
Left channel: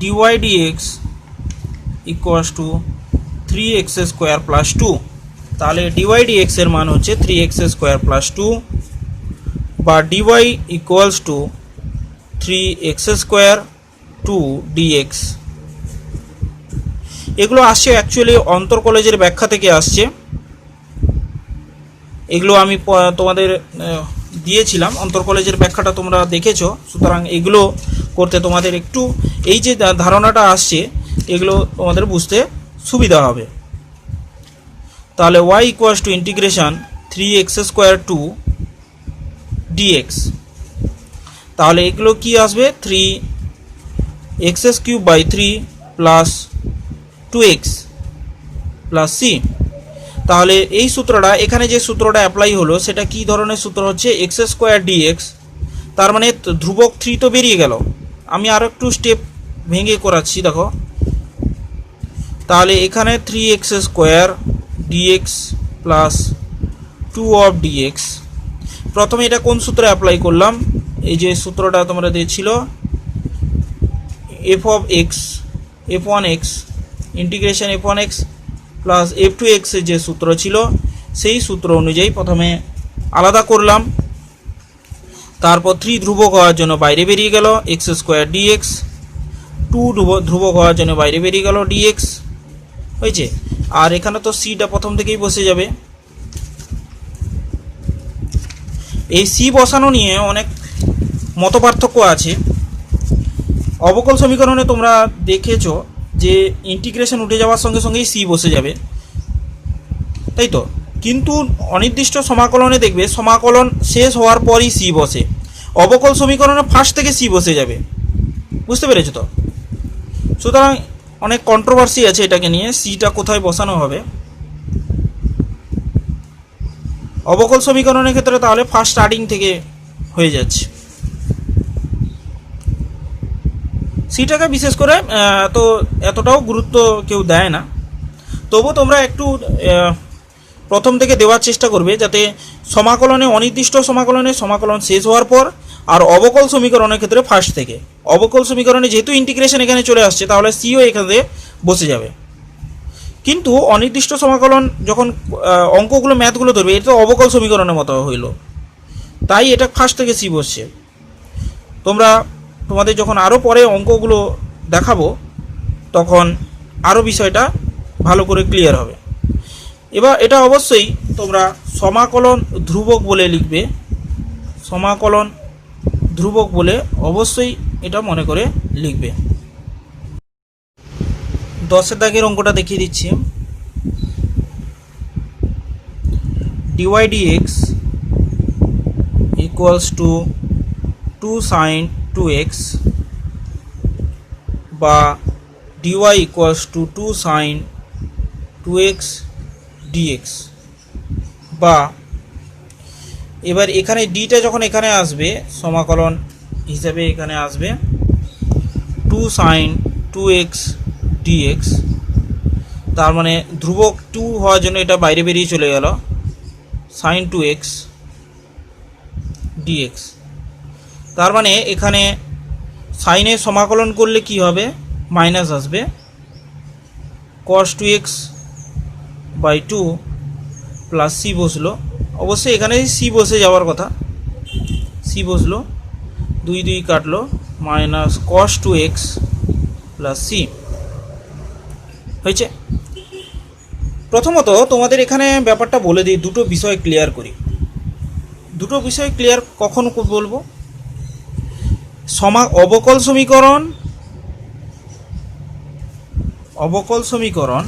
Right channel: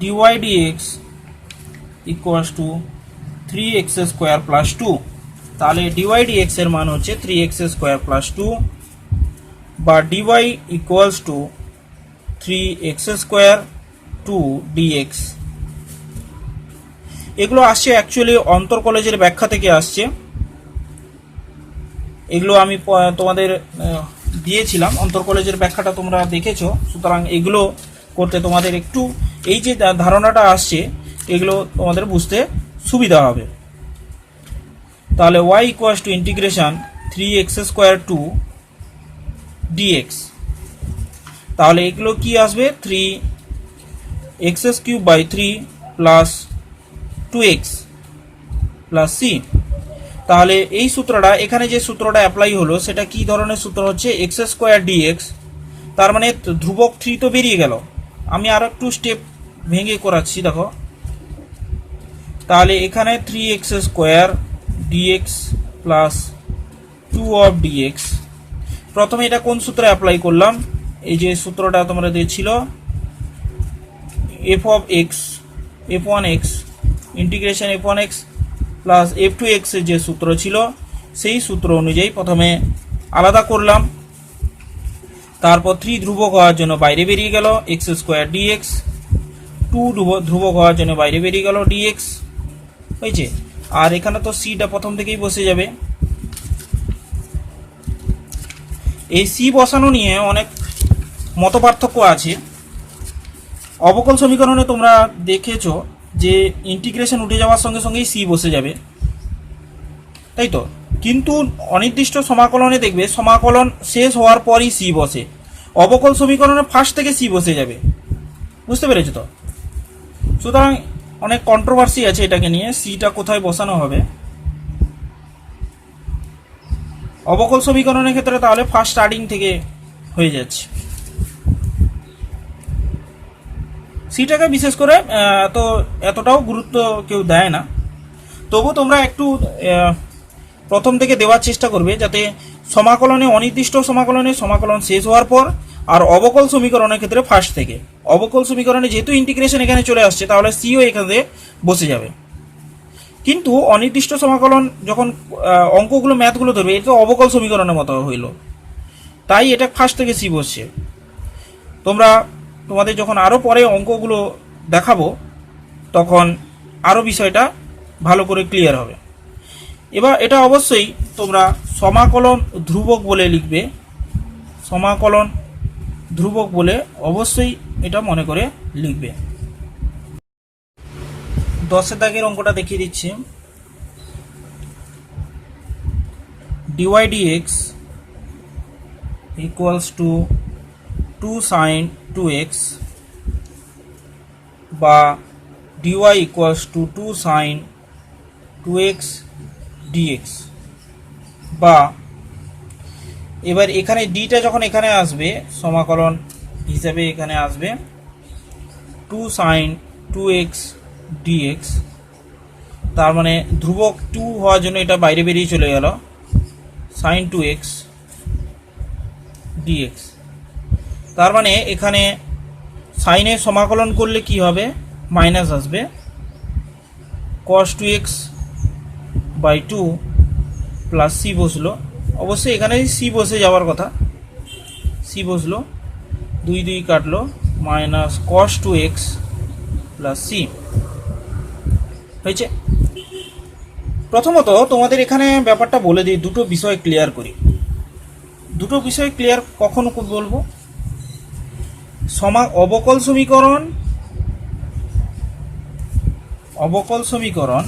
dy dx equals to 3x square plus 2। তাহলে ডিওয়াই ডিএক্স এর মান হচ্ছে 3x স্কোয়ার প্লাস 2, বা dy equals to 3x square 2 dx। এগুলো আসছে অ্যাকচুয়ালি অন্তর কলেজের ব্যাখ্যা থেকে আসছে, এগুলো আমি তোমাদের দিয়েছিলাম, অন্তর কলেজের ব্যাখ্যাটা তোমরা দেখেছো। সুতরাং এগুলো করতে তোমাদের একটু এই যে ধারণাটা আসছে এগুলো তোমাদের বুঝতে সুবিধা হবে। তাহলে y equals to integration 3x square 2 dx। তাহলে এগুলো কি আসবে 3x cube by 3 plus 2x plus c। তাহলে এই সূত্রটা, এখানে যে সূত্রটা অ্যাপ্লাই হলো সেটা কি ধরনের সূত্র হচ্ছে x স্কোয়ার dx, তার মানে ধ্রুবক 3 তো বেরিয়ে গেল। আমি আরো একটু স্টেপ ভেঙে করাচ্ছি, দেখো। তাহলে এখানে 3x square dx plus 2 of dx। প্রথমে এটা কোন সূত্রে অ্যাপ্লাই করলাম, এই যে সূত্রটা তোমরা দিয়েছিল f of x f1x integration f1x plus f2x এর যে সূত্র ছিল সেই সূত্র অনুযায়ী প্রথমে আলাদা করলাম, তারপর 3 ধ্রুবক হওয়ার জন্য বাইরে বেরিয়ে গেল x স্কোয়ার dx, 2 ধ্রুবক হওয়ার জন্য বাইরে বেরিয়ে গেল dx, হয়েছে। আর এখানে তো সিটা প্রথম থেকেই বসে যাবে। এই সি বসানো নিয়ে অনেক মতপার্থক্য আছে। অবকল সমীকরণে তোমরা দেখেছো যে ইন্টিগ্রেশন উঠে যাওয়ার সঙ্গে সঙ্গেই সি বসে যাবে, তাই তো। কিন্তু অনির্দিষ্ট সমাকলনে দেখবে সমাকলন শেষ হওয়ার পরই সি বসে, অবকল সমীকরণে ফার্স্ট থেকে সি বসে যাবে, বুঝতে পেরেছো তো। সুতরাং অনেক কন্ট্রোভার্সি আছে এটাকে নিয়ে, সিটা কোথায় বসানো হবে। অবকল সমীকরণের ক্ষেত্রে তাহলে ফার্স্ট স্টার্টিং থেকে হয়ে যাচ্ছে। সিটাকে বিশেষ করে তো এতটাও গুরুত্ব কেউ দেয় না, তবু তোমরা একটু প্রথম থেকে দেওয়ার চেষ্টা করবে যাতে সমাকলনে, অনির্দিষ্ট সমাকলনে সমাকলন শেষ হওয়ার পর, আর অবকল সমীকরণের ক্ষেত্রে ফার্স্ট থেকে। অবকল সমীকরণে যেহেতু ইন্টিগ্রেশন এখানে চলে আসছে তাহলে সিও এখানে বসে যাবে। কিন্তু অনির্দিষ্ট সমাকলন যখন অঙ্কগুলো ম্যাথগুলো ধরবে, এটা তো অবকল সমীকরণের মতো হইল, তাই এটা ফার্স্ট থেকে সি বসছে। তোমাদের যখন আরও পরে অঙ্কগুলো দেখাবো তখন আরও বিষয়টা ভালো করে ক্লিয়ার হবে। এবার এটা অবশ্যই তোমরা সমাকলন ধ্রুবক বলে লিখবে, সমাকলন ধ্রুবক বলে অবশ্যই এটা মনে করে লিখবে। 10 দাগের অঙ্কটা দেখিয়ে দিচ্ছি। dy dx equals to 2 sin 2x বা dy equals to 2 sin 2x dx, বা এবার এখানে ডিটা যখন এখানে আসবে সমাকলন হিসেবে এখানে আসবে 2 sin 2x dx, তার মানে ধ্রুবক 2 হওয়ার জন্য এটা বাইরে বেরিয়ে চলে গেল sin 2x dx। তার মানে এখানে সাইনের সমাকলন করলে কি হবে, মাইনাস আসবে cos 2x by 2 plus C বসলো, অবশ্যই এখানে সি বসে যাওয়ার কথা, সি বসলো, 2 2 কাটলো, minus cos 2x plus C হয়েছে। প্রথমত তোমাদের এখানে ব্যাপারটা বলে দিই, দুটো বিষয় ক্লিয়ার করি। দুটো বিষয় ক্লিয়ার কখন বলবো, অবকল সমীকরণ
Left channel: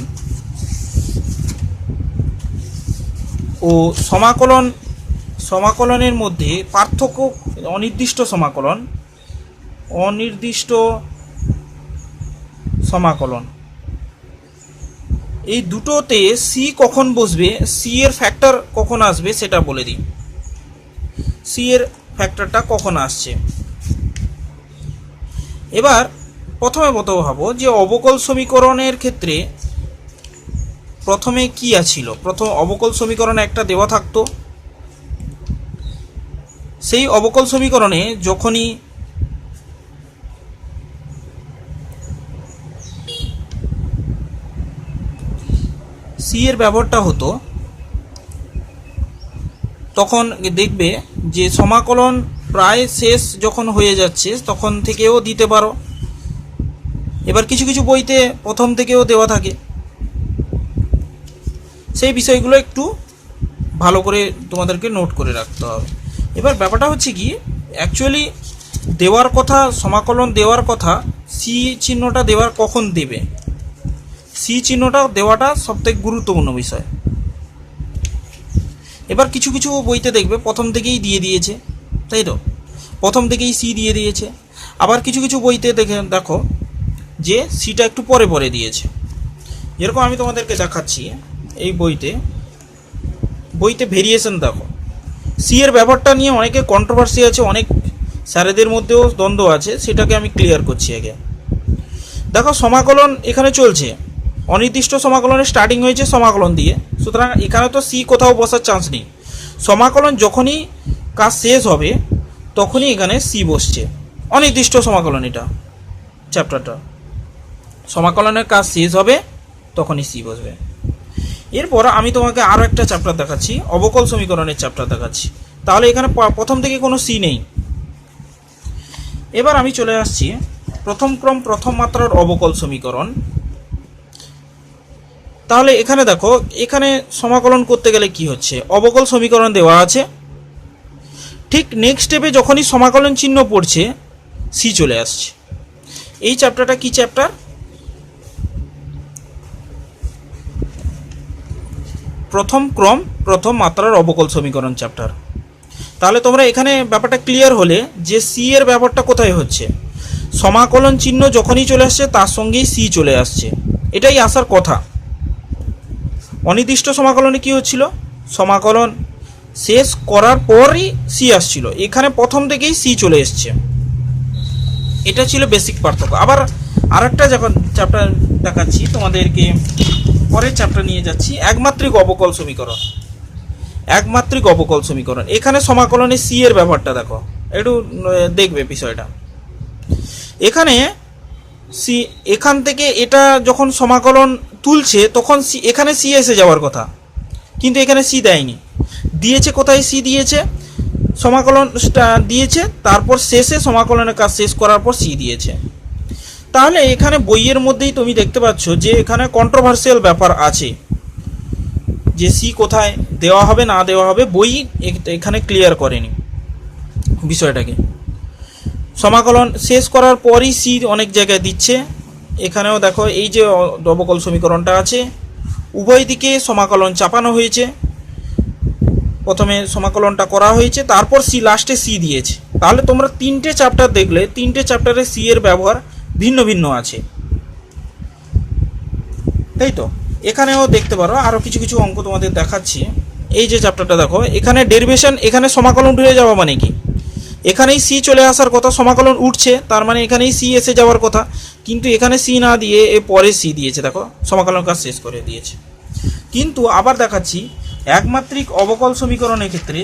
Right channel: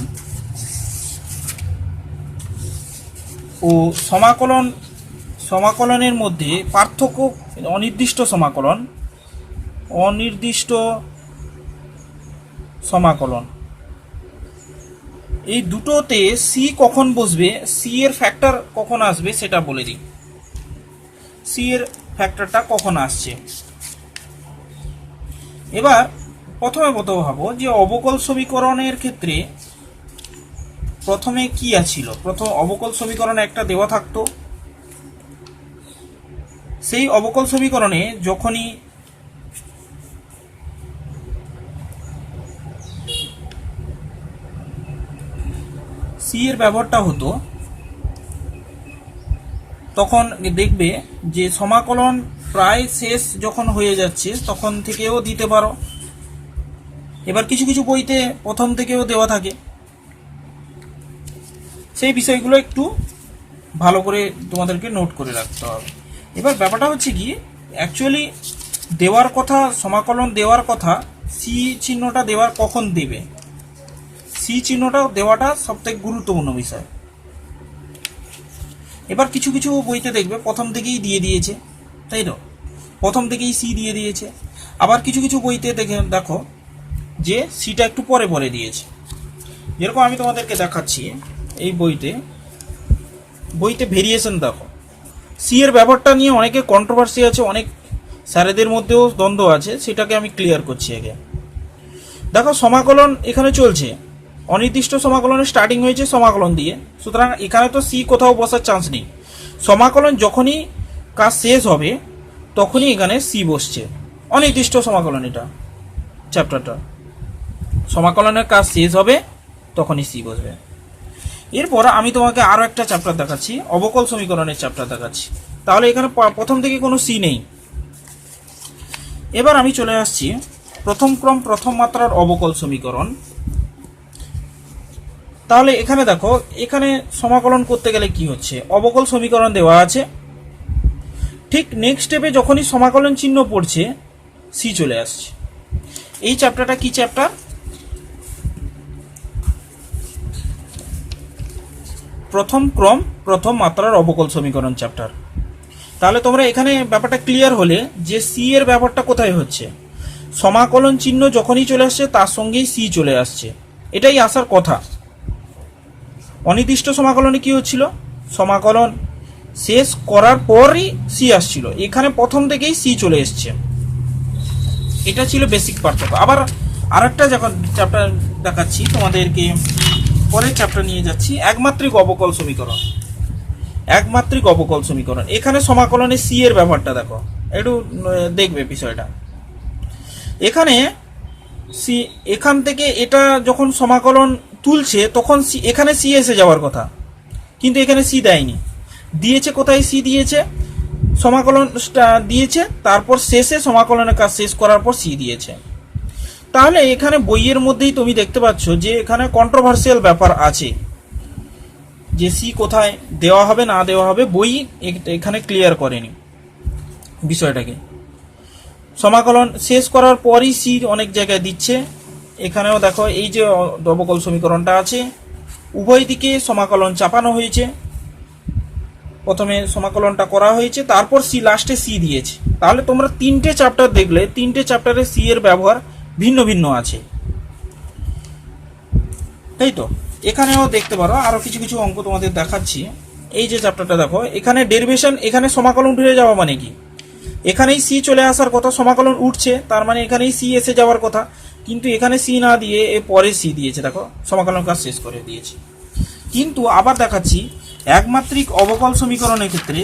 ও সমাকলনের মধ্যে পার্থক্য, অনির্দিষ্ট সমাকলন এই দুটোতে সি কখন বসবে, সি এর ফ্যাক্টর কখন আসবে সেটা বলে দিই। সি এর ফ্যাক্টরটা কখন আসছে, এবার প্রথমে ভাবো যে অবকল সমীকরণের ক্ষেত্রে প্রথমে কি আছিল, প্রথম অবকল সমীকরণে একটা দেওয়া থাকতো, সেই অবকল সমীকরণে যখনই সি এর ব্যবহারটা হতো তখন দেখবে যে সমাকলন প্রায় শেষ যখন হয়ে যাচ্ছে তখন থেকেও দিতে পারো। এবার কিছু কিছু বইতে প্রথম থেকেও দেওয়া থাকে, সেই বিষয়গুলো একটু ভালো করে তোমাদেরকে নোট করে রাখতে হবে। এবার ব্যাপারটা হচ্ছে কি, অ্যাকচুয়ালি দেওয়ার কথা, সমাকলন দেওয়ার কথা, সি চিহ্নটা দেওয়ার কখন দেবে, সি চিহ্নটা দেওয়াটা সবথেকে গুরুত্বপূর্ণ বিষয়। এবার কিছু কিছু বইতে দেখবে প্রথম থেকেই দিয়ে দিয়েছে, তাই তো, প্রথম থেকেই সি দিয়ে দিয়েছে। আবার কিছু কিছু বইতে দেখো যে সিটা একটু পরে দিয়েছে। যেরকম আমি তোমাদেরকে দেখাচ্ছি, এই বইতে ভেরিয়েশন দেখো, সি এর ব্যাপারটা নিয়ে অনেকে কন্ট্রোভার্সি আছে, অনেক স্যারেদের মধ্যেও দ্বন্দ্ব আছে, সেটাকে আমি ক্লিয়ার করছি আগে। দেখো সমাকলন এখানে চলছে, অনির্দিষ্ট সমাকলনের স্টার্টিং হয়েছে সমাকলন দিয়ে, সুতরাং এখানে তো সি কোথাও বসার চান্স নেই। সমাকলন যখনই কাজ শেষ হবে তখনই এখানে সি বসছে, অনির্দিষ্ট সমাকলন, এটা চ্যাপ্টারটা সমাকলনের কাজ শেষ হবে তখনই সি বসবে। এরপর আমি তোমাকে আরও একটা চ্যাপ্টার দেখাচ্ছি, অবকল সমীকরণের চ্যাপ্টার দেখাচ্ছি, তাহলে এখানে প্রথম থেকে কোনো সি নেই। এবার আমি চলে আসছি প্রথম ক্রম প্রথম মাত্রার অবকল সমীকরণ। তাহলে এখানে দেখো, এখানে সমাকলন করতে গেলে কি হচ্ছে, অবকল সমীকরণ দেওয়া আছে, ঠিক নেক্সট স্টেপে যখনই সমাকলন চিহ্ন পড়ছে সি চলে আসছে। এই চ্যাপ্টারটা কি চ্যাপ্টার, প্রথম ক্রম প্রথম মাত্রার অবকল সমীকরণ চ্যাপ্টার। তাহলে তোমরা এখানে ব্যাপারটা ক্লিয়ার হলে যে সি এর ব্যাপারটা কোথায় হচ্ছে, সমাকলন চিহ্ন যখনই চলে আসছে তার সঙ্গেই সি চলে আসছে, এটাই আসার কথা। অনির্দিষ্ট সমাকলনে কি হচ্ছিল, সমাকলন শেষ করার পরই সি আসছিল, এখানে প্রথম থেকেই সি চলে এসছে, এটা ছিল বেসিক পার্থক্য। আবার আরেকটা যখন চ্যাপ্টার দেখাচ্ছি তোমাদেরকে, পরের চ্যাপ্টার নিয়ে যাচ্ছি, একমাত্রিক অবকল সমীকরণ। এখানে সমাকলনে সি এর ব্যাপারটা দেখো, একটু দেখবে বিষয়টা। এখানে সি, এখান থেকে এটা যখন সমাকলন তুলছে তখন সি, এখানে সি এসে যাওয়ার কথা, কিন্তু এখানে সি দেয়নি, দিয়েছে কোথায়, সি দিয়েছে সমাকলন দিয়েছে, তারপর শেষে সমাকলনের কাজ শেষ করার পর সি দিয়েছে। তাহলে এখানে বইয়ের মধ্যেই তুমি দেখতে পাচ্ছ যে এখানে কন্ট্রোভার্সিয়াল ব্যাপার আছে, যে সি কোথায় দেওয়া হবে না দেওয়া হবে, বই এখানে ক্লিয়ার করেনি বিষয়টাকে। সমাকলন শেষ করার পরই সি অনেক জায়গায় দিচ্ছে। এখানেও দেখো এই যে অবকল সমীকরণটা আছে, উভয় দিকে সমাকলন চাপানো হয়েছে। প্রথমে সমাকলনটা করা হয়েছে, তারপর সি লাস্টে সি দিয়েছে। তাহলে তোমরা তিনটে চ্যাপ্টার দেখলে তিনটে চ্যাপ্টারে সি এর ব্যবহার ভিন্ন ভিন্ন আছে, তাই তো। এখানেও দেখতে পারো আরো কিছু কিছু অঙ্ক তোমাদের দেখাচ্ছি। এই যে চ্যাপ্টারটা দেখো, এখানে ডেরিভেশন, এখানে সমাকলন উঠে যাওয়া মানে কি, এখানেই সি চলে আসার কথা, সমাকলন উঠছে তার মানে এখানেই সি এসে যাওয়ার কথা, কিন্তু এখানে সি না দিয়ে এ পরে সি দিয়েছে। দেখো সমাকলন কাজ শেষ করে দিয়েছে। কিন্তু আবার দেখাচ্ছি একমাত্রিক অবকল সমীকরণের ক্ষেত্রে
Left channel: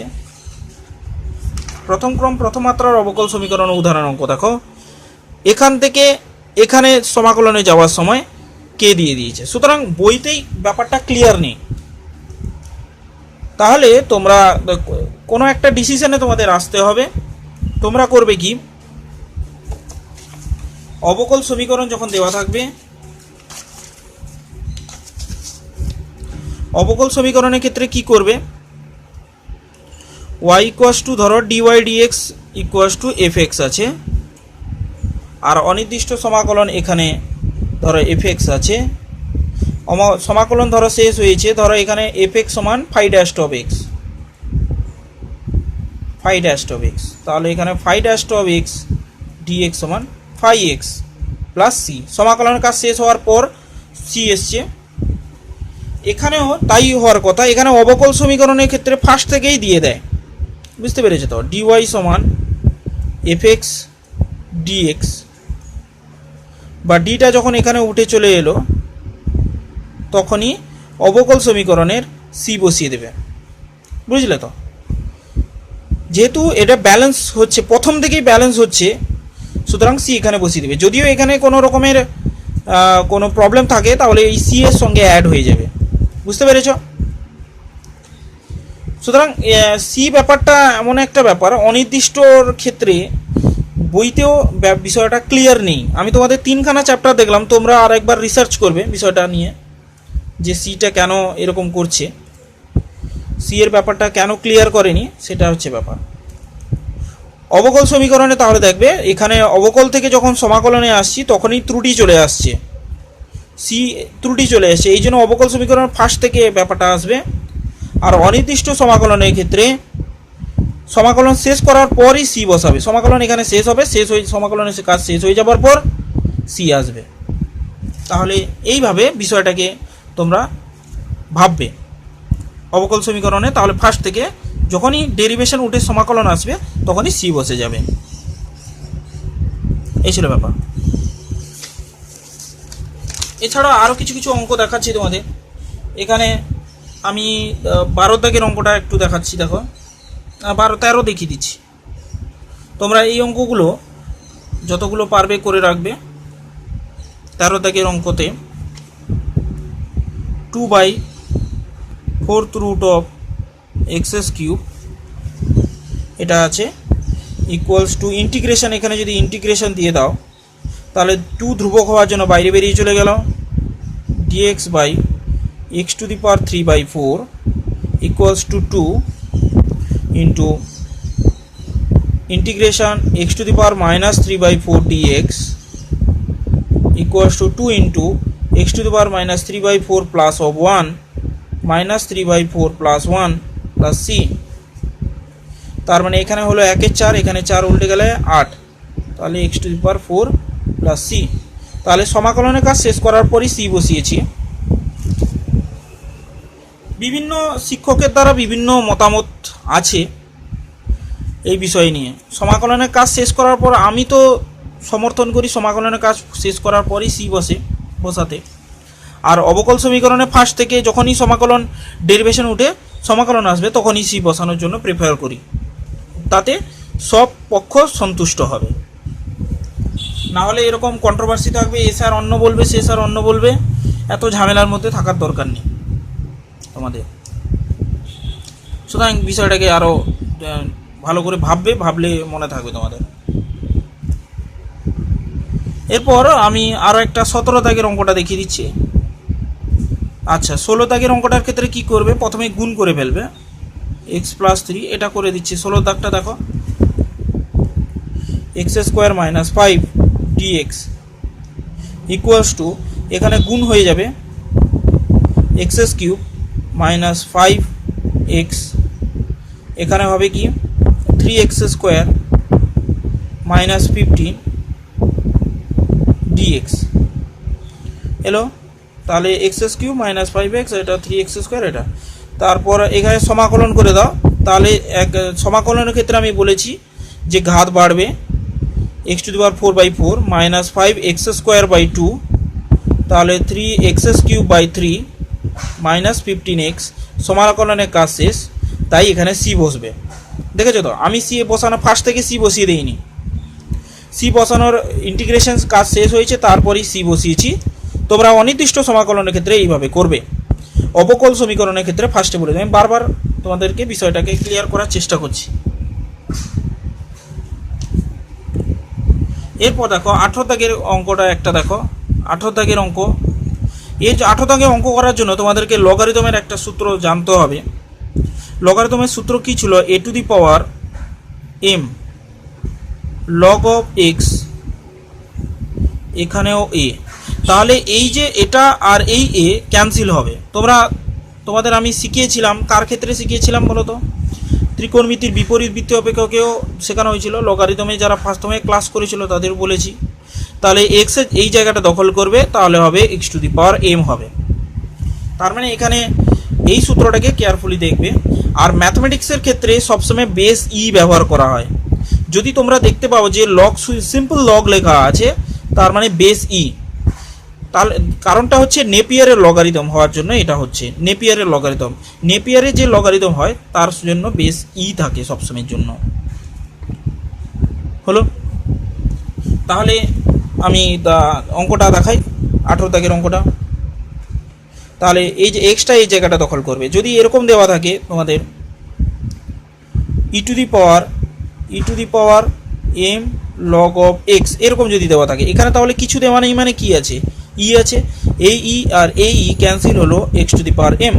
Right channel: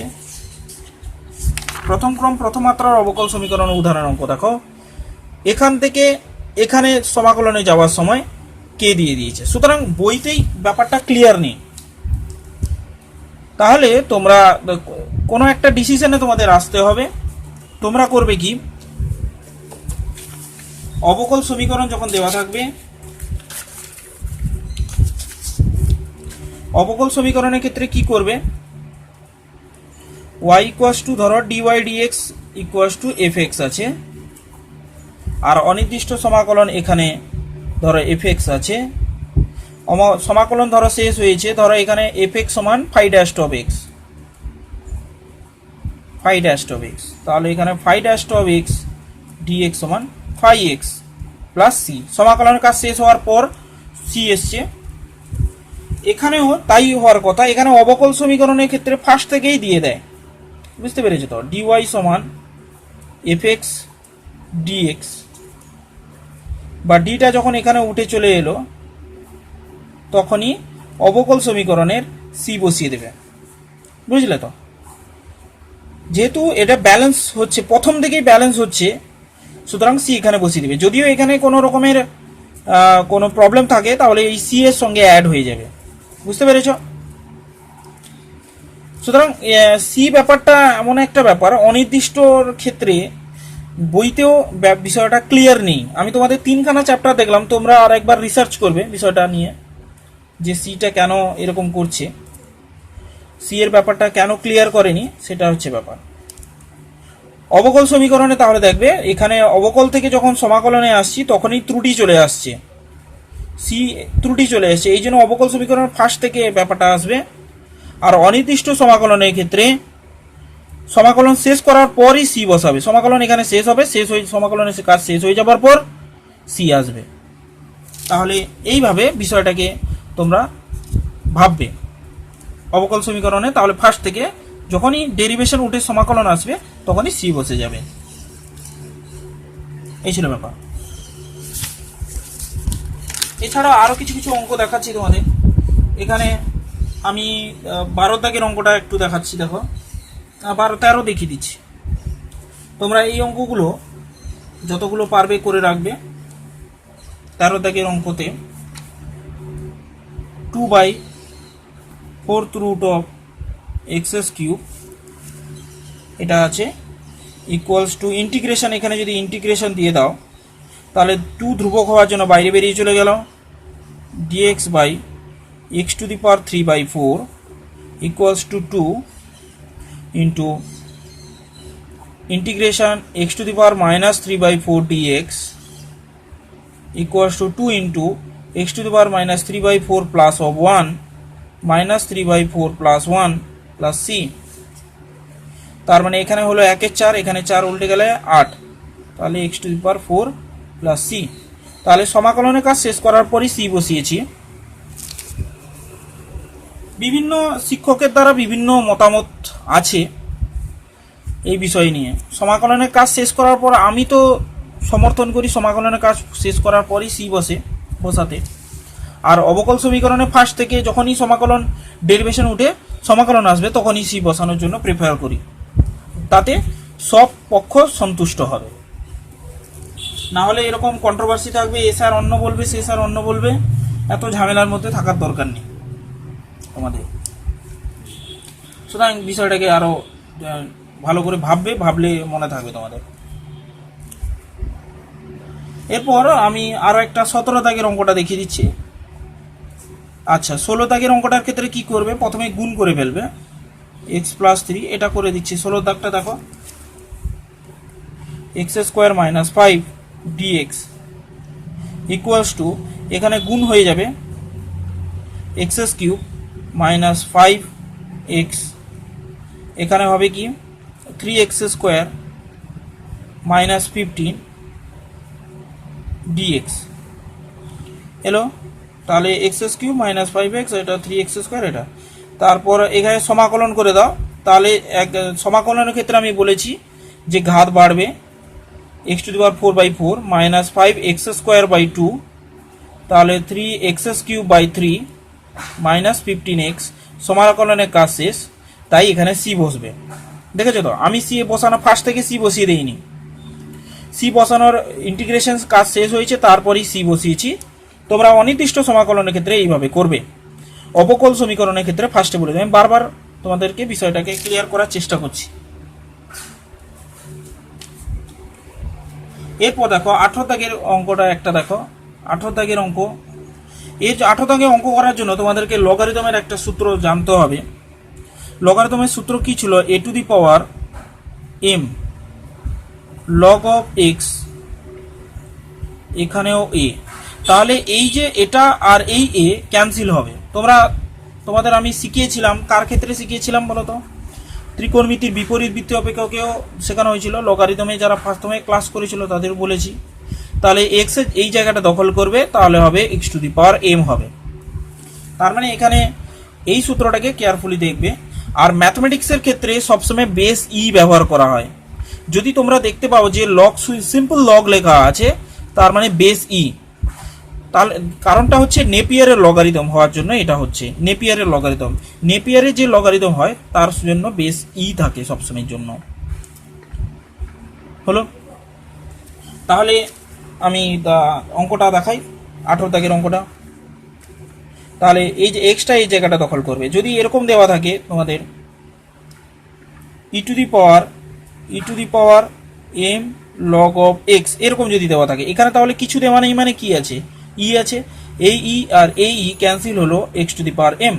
প্রথম ক্রম প্রথম মাত্রার অবকল সমীকরণ উদাহরণ অঙ্ক দেখো, এখান থেকে এখানে সমাকলনে যাওয়ার সময় কে দিয়ে দিয়েছে। সুতরাং বইতেই ব্যাপারটা ক্লিয়ার নেই। তাহলে তোমরা কোনো একটা ডিসিশনে তোমাদের আসতে হবে। তোমরা করবে কি, অবকল সমীকরণ যখন দেওয়া থাকবে, অবকল সমীকরণের ক্ষেত্রে কি করবে, y ইকুয়াস টু ধরো dy dx equals to fx আছে, আর অনির্দিষ্ট সমাকলন এখানে ধরো fx আছে। সমাকলন ধরো শেষ হয়েছে, ধরো এখানে fx সমান phi dash of x, phi dash of x, তাহলে এখানে phi dash of x dx সমান phi x প্লাস c। সমাকলনের কাজ শেষ হওয়ার পর c এসছে, এখানেও তাই হওয়ার কথা। এখানে অবকল সমীকরণের ক্ষেত্রে ফার্স্ট থেকেই দিয়ে দেয়, বুঝতে পেরেছো তো। dy সমান fx dx, বা ডিটা যখন এখানে উঠে চলে এলো তখনই অবকল সমীকরণের সি বসিয়ে দেবে, বুঝলে তো। যেহেতু এটা ব্যালেন্স হচ্ছে, প্রথম থেকেই ব্যালেন্স হচ্ছে, সুতরাং সি এখানে বসিয়ে দেবে। যদিও এখানে কোনো রকমের কোনো প্রবলেম থাকে তাহলে এই সি এর সঙ্গে অ্যাড হয়ে যাবে, বুঝতে পেরেছ। সুতরাং সি ব্যাপারটা এমন একটা ব্যাপার, অনির্দিষ্টর ক্ষেত্রে বইতেও বিষয়টা ক্লিয়ার নেই। আমি তোমাদের তিনখানা চ্যাপ্টার দেখলাম, তোমরা আর একবার রিসার্চ করবে বিষয়টা নিয়ে, যে সিটা কেন এরকম করছে, সি এর ব্যাপারটা কেন ক্লিয়ার করেনি, সেটা হচ্ছে ব্যাপার। অবকল সমীকরণে তাহলে দেখবে এখানে অবকল থেকে যখন সমাকলনে আসছি তখনই ত্রুটি চলে আসছে, সি ত্রুটি চলে আসছে, এই জন্য অবকল সমীকরণ ফার্স্ট থেকে ব্যাপারটা আসবে। আর অনির্দিষ্ট সমাকলনের ক্ষেত্রে সমাকলন শেষ করার পরই সি বসাবে। সমাকলন এখানে শেষ হবে, শেষ হয়ে সমাকলনের কাজ শেষ হয়ে যাবার পর সি আসবে। তাহলে এইভাবে বিষয়টাকে তোমরা ভাববে অবকল সমীকরণে। তাহলে ফার্স্ট থেকে যখনই ডেরিভেশন উঠে সমাকলন আসবে তখনই সি বসে যাবে। এই ছিল ব্যাপার। এছাড়া আরও কিছু কিছু অঙ্ক দেখাচ্ছি তোমাদের। এখানে আমি 12 দাগের অঙ্কটা একটু দেখাচ্ছি, দেখো 12-13 দেখিয়ে দিচ্ছি। তোমরা এই অঙ্কগুলো যতগুলো পারবে করে রাখবে। 13 দাগের অঙ্কতে 2/4 root of x³ এটা আছে, ইকুয়ালস টু ইন্টিগ্রেশন। এখানে যদি ইন্টিগ্রেশন দিয়ে দাও তাহলে 2 ধ্রুবক হওয়ার জন্য বাইরে বেরিয়ে চলে গেল, dx by x³ 3/4 equals to 2 into integration x³ -3/4 dx equals to 2 into x³ -3/4 plus of 1 -3/4 plus 1 plus c। তার মানে এখানে হলো 1 এর 4, এখানে 4 উল্টে গেলে 8, তাহলে x⁴ প্লাস c। তাহলে সমাকলনের কাজ শেষ করার পরই c বসিয়েছি। বিভিন্ন শিক্ষকের দ্বারা বিভিন্ন মতামত আছে এই বিষয় নিয়ে। সমাকলনের কাজ শেষ করার পর আমি তো সমর্থন করি সমাকলনের কাজ শেষ করার পরই সি বসাতে। আর অবকল সমীকরণে ফার্স্ট থেকে যখনই সমাকলন ডেরিভেশন উঠে সমাকলন আসবে তখনই সি বসানোর জন্য প্রেফার করি, তাতে সব পক্ষ সন্তুষ্ট হবে। না হলে এরকম কন্ট্রোভার্সি থাকবে, এ স্যার অন্য বলবে, সে স্যার অন্য বলবে, এত ঝামেলার মধ্যে থাকার দরকার নেই তোমাদের। সুতরাং বিষয়টাকে আরও ভালো করে ভাবলে মনে থাকবে তোমাদের। এরপর আমি আরও একটা 17 দাগের অঙ্কটা দেখিয়ে দিচ্ছি। আচ্ছা, 16 দাগের অঙ্কটার ক্ষেত্রে কি করবে, প্রথমে গুণ করে ফেলবে x + 3, এটা করে দিচ্ছি। 16 দাগটা দেখো, x square minus 5 dx equals to, এখানে গুণ হয়ে যাবে এক্স কিউব মাইনাস 5x, এখানে হবে কি 3x স্কোয়ার মাইনাস 15 ডিএক্স এলো। তাহলে এক্স কিউব মাইনাস 5x, এটা 3x স্কোয়ার, এটা তারপর এখানে সমাকলন করে দাও। তাহলে এক সমাকলনের ক্ষেত্রে আমি বলেছি যে ঘাত বাড়বে, x⁴/4 minus 5x square by 2, তাহলে 3x cube by 3 minus 15x, সমাকলনের কাজ শেষ, তাই এখানে সি বসবে। দেখেছো তো, আমি সি বসানো ফার্স্ট থেকে সি বসিয়ে দিইনি, সি বসানোর ইন্টিগ্রেশন কাজ শেষ হয়েছে, তারপরেই সি বসিয়েছি। তোমরা অনির্দিষ্ট সমাকলনের ক্ষেত্রে এইভাবে করবে, অবকল সমীকরণের ক্ষেত্রে ফার্স্টে বলে দেবে। আমি বারবার তোমাদেরকে বিষয়টাকে ক্লিয়ার করার চেষ্টা করছি। এরপর দেখো 18 দাগের অঙ্কটা একটা দেখো, 18 দাগের অঙ্ক। এই 18 দাগের অঙ্ক করার জন্য তোমাদেরকে লগারিদমের একটা সূত্র জানতে হবে। লগারিদমের সূত্র কি ছিল? a⁴m log of x, এখানেও a। তাহলে এই যে এটা আর এই a ক্যান্সেল হবে। তোমাদের আমি শিখিয়েছিলাম, কার ক্ষেত্রে শিখিয়েছিলাম বলো তো? ত্রিকোণমিতির বিপরীত বৃত্ত অপেক্ষকেও শেখানো হয়েছিল। লগারিদমে যারা ফার্স্টে ক্লাস করেছিল তাদের বলেছি। তাহলে x এর এই জায়গাটা দখল করবে, তাহলে হবে x⁴m হবে। তার মানে এখানে এই সূত্রটাকে কেয়ারফুলি দেখবে। আর ম্যাথমেটিক্সের ক্ষেত্রে সবসময় বেস ই ব্যবহার করা হয়। যদি তোমরা দেখতে পাও যে লগ, সিম্পল লগ লেখা আছে, তার মানে বেস ই। তাহলে কারণটা হচ্ছে নেপিয়ারের লগারিদম হওয়ার জন্য, এটা হচ্ছে নেপিয়ারের লগারিদম। নেপিয়ারের যে লগারিদম হয় তার জন্য বেস ই থাকে সবসময়ের জন্য। হলো? তাহলে আমি অঙ্কটা দেখাই, 18 দাগের অঙ্কটা। তাহলে এই যে এক্সটা এই জায়গাটা দখল করবে। যদি এরকম দেওয়া থাকে তোমাদের e⁴m log of x, এরকম যদি দেওয়া থাকে এখানে, তাহলে কিছু দেওয়া নেই, মানে কি আছে? ই আছে, এই ই আর এই ই ক্যান্সেল হলো, x⁴m।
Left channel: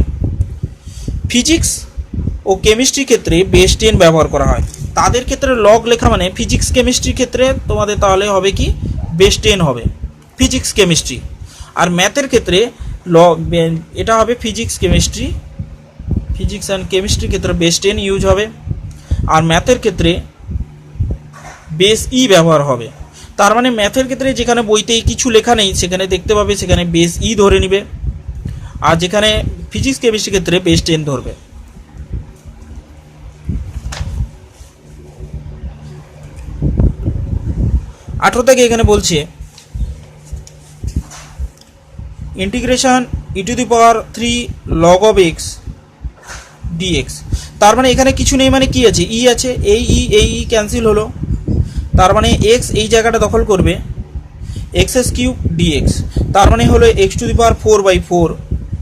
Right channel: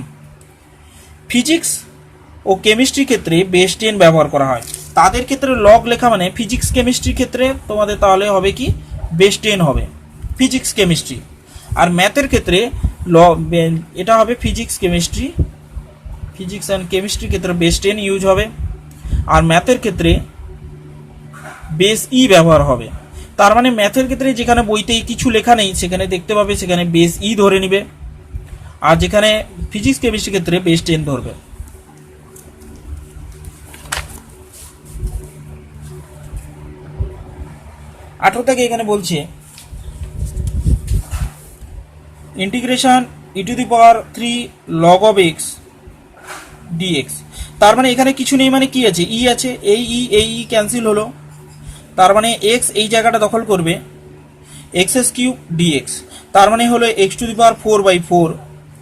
ফিজিক্স ও কেমিস্ট্রির ক্ষেত্রে বেস 10 ব্যবহার করা হয়। তাদের ক্ষেত্রে লগ লেখা মানে ফিজিক্স কেমিস্ট্রির ক্ষেত্রে তোমাদের তাহলে হবে কি বেস 10 হবে, ফিজিক্স কেমিস্ট্রি। আর ম্যাথের ক্ষেত্রে এটা হবে ফিজিক্স অ্যান্ড কেমিস্ট্রির ক্ষেত্রে বেস 10 ইউজ হবে। আর ম্যাথের ক্ষেত্রে বেস ই ব্যবহার হবে। তার মানে ম্যাথের ক্ষেত্রে যেখানে বইতেই কিছু লেখা নেই সেখানে দেখতে পাবে, সেখানে বেস ই ধরে নিবে। আর যেখানে ফিজিক্স কেমিস্ট্রির ক্ষেত্রে বেস 10 ধরবে। আঠারো থেকে এখানে বলছে integration e⁴ log of x dx। তার মানে এখানে কিছু নেই, মানে কি আছে? ই আছে, এই ই ক্যান্সেল হলো, তার মানে x এই জায়গাটা দখল করবে, x³ dx। তার মানে হলো x⁴/4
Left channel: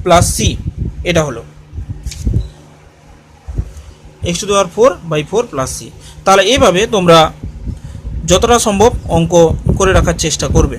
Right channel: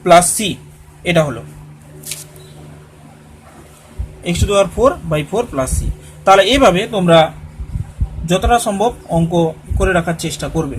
প্লাস c, এটা হলো x⁴/4 প্লাস c। তাহলে এইভাবে তোমরা যতটা সম্ভব অঙ্ক করে রাখার চেষ্টা করবে।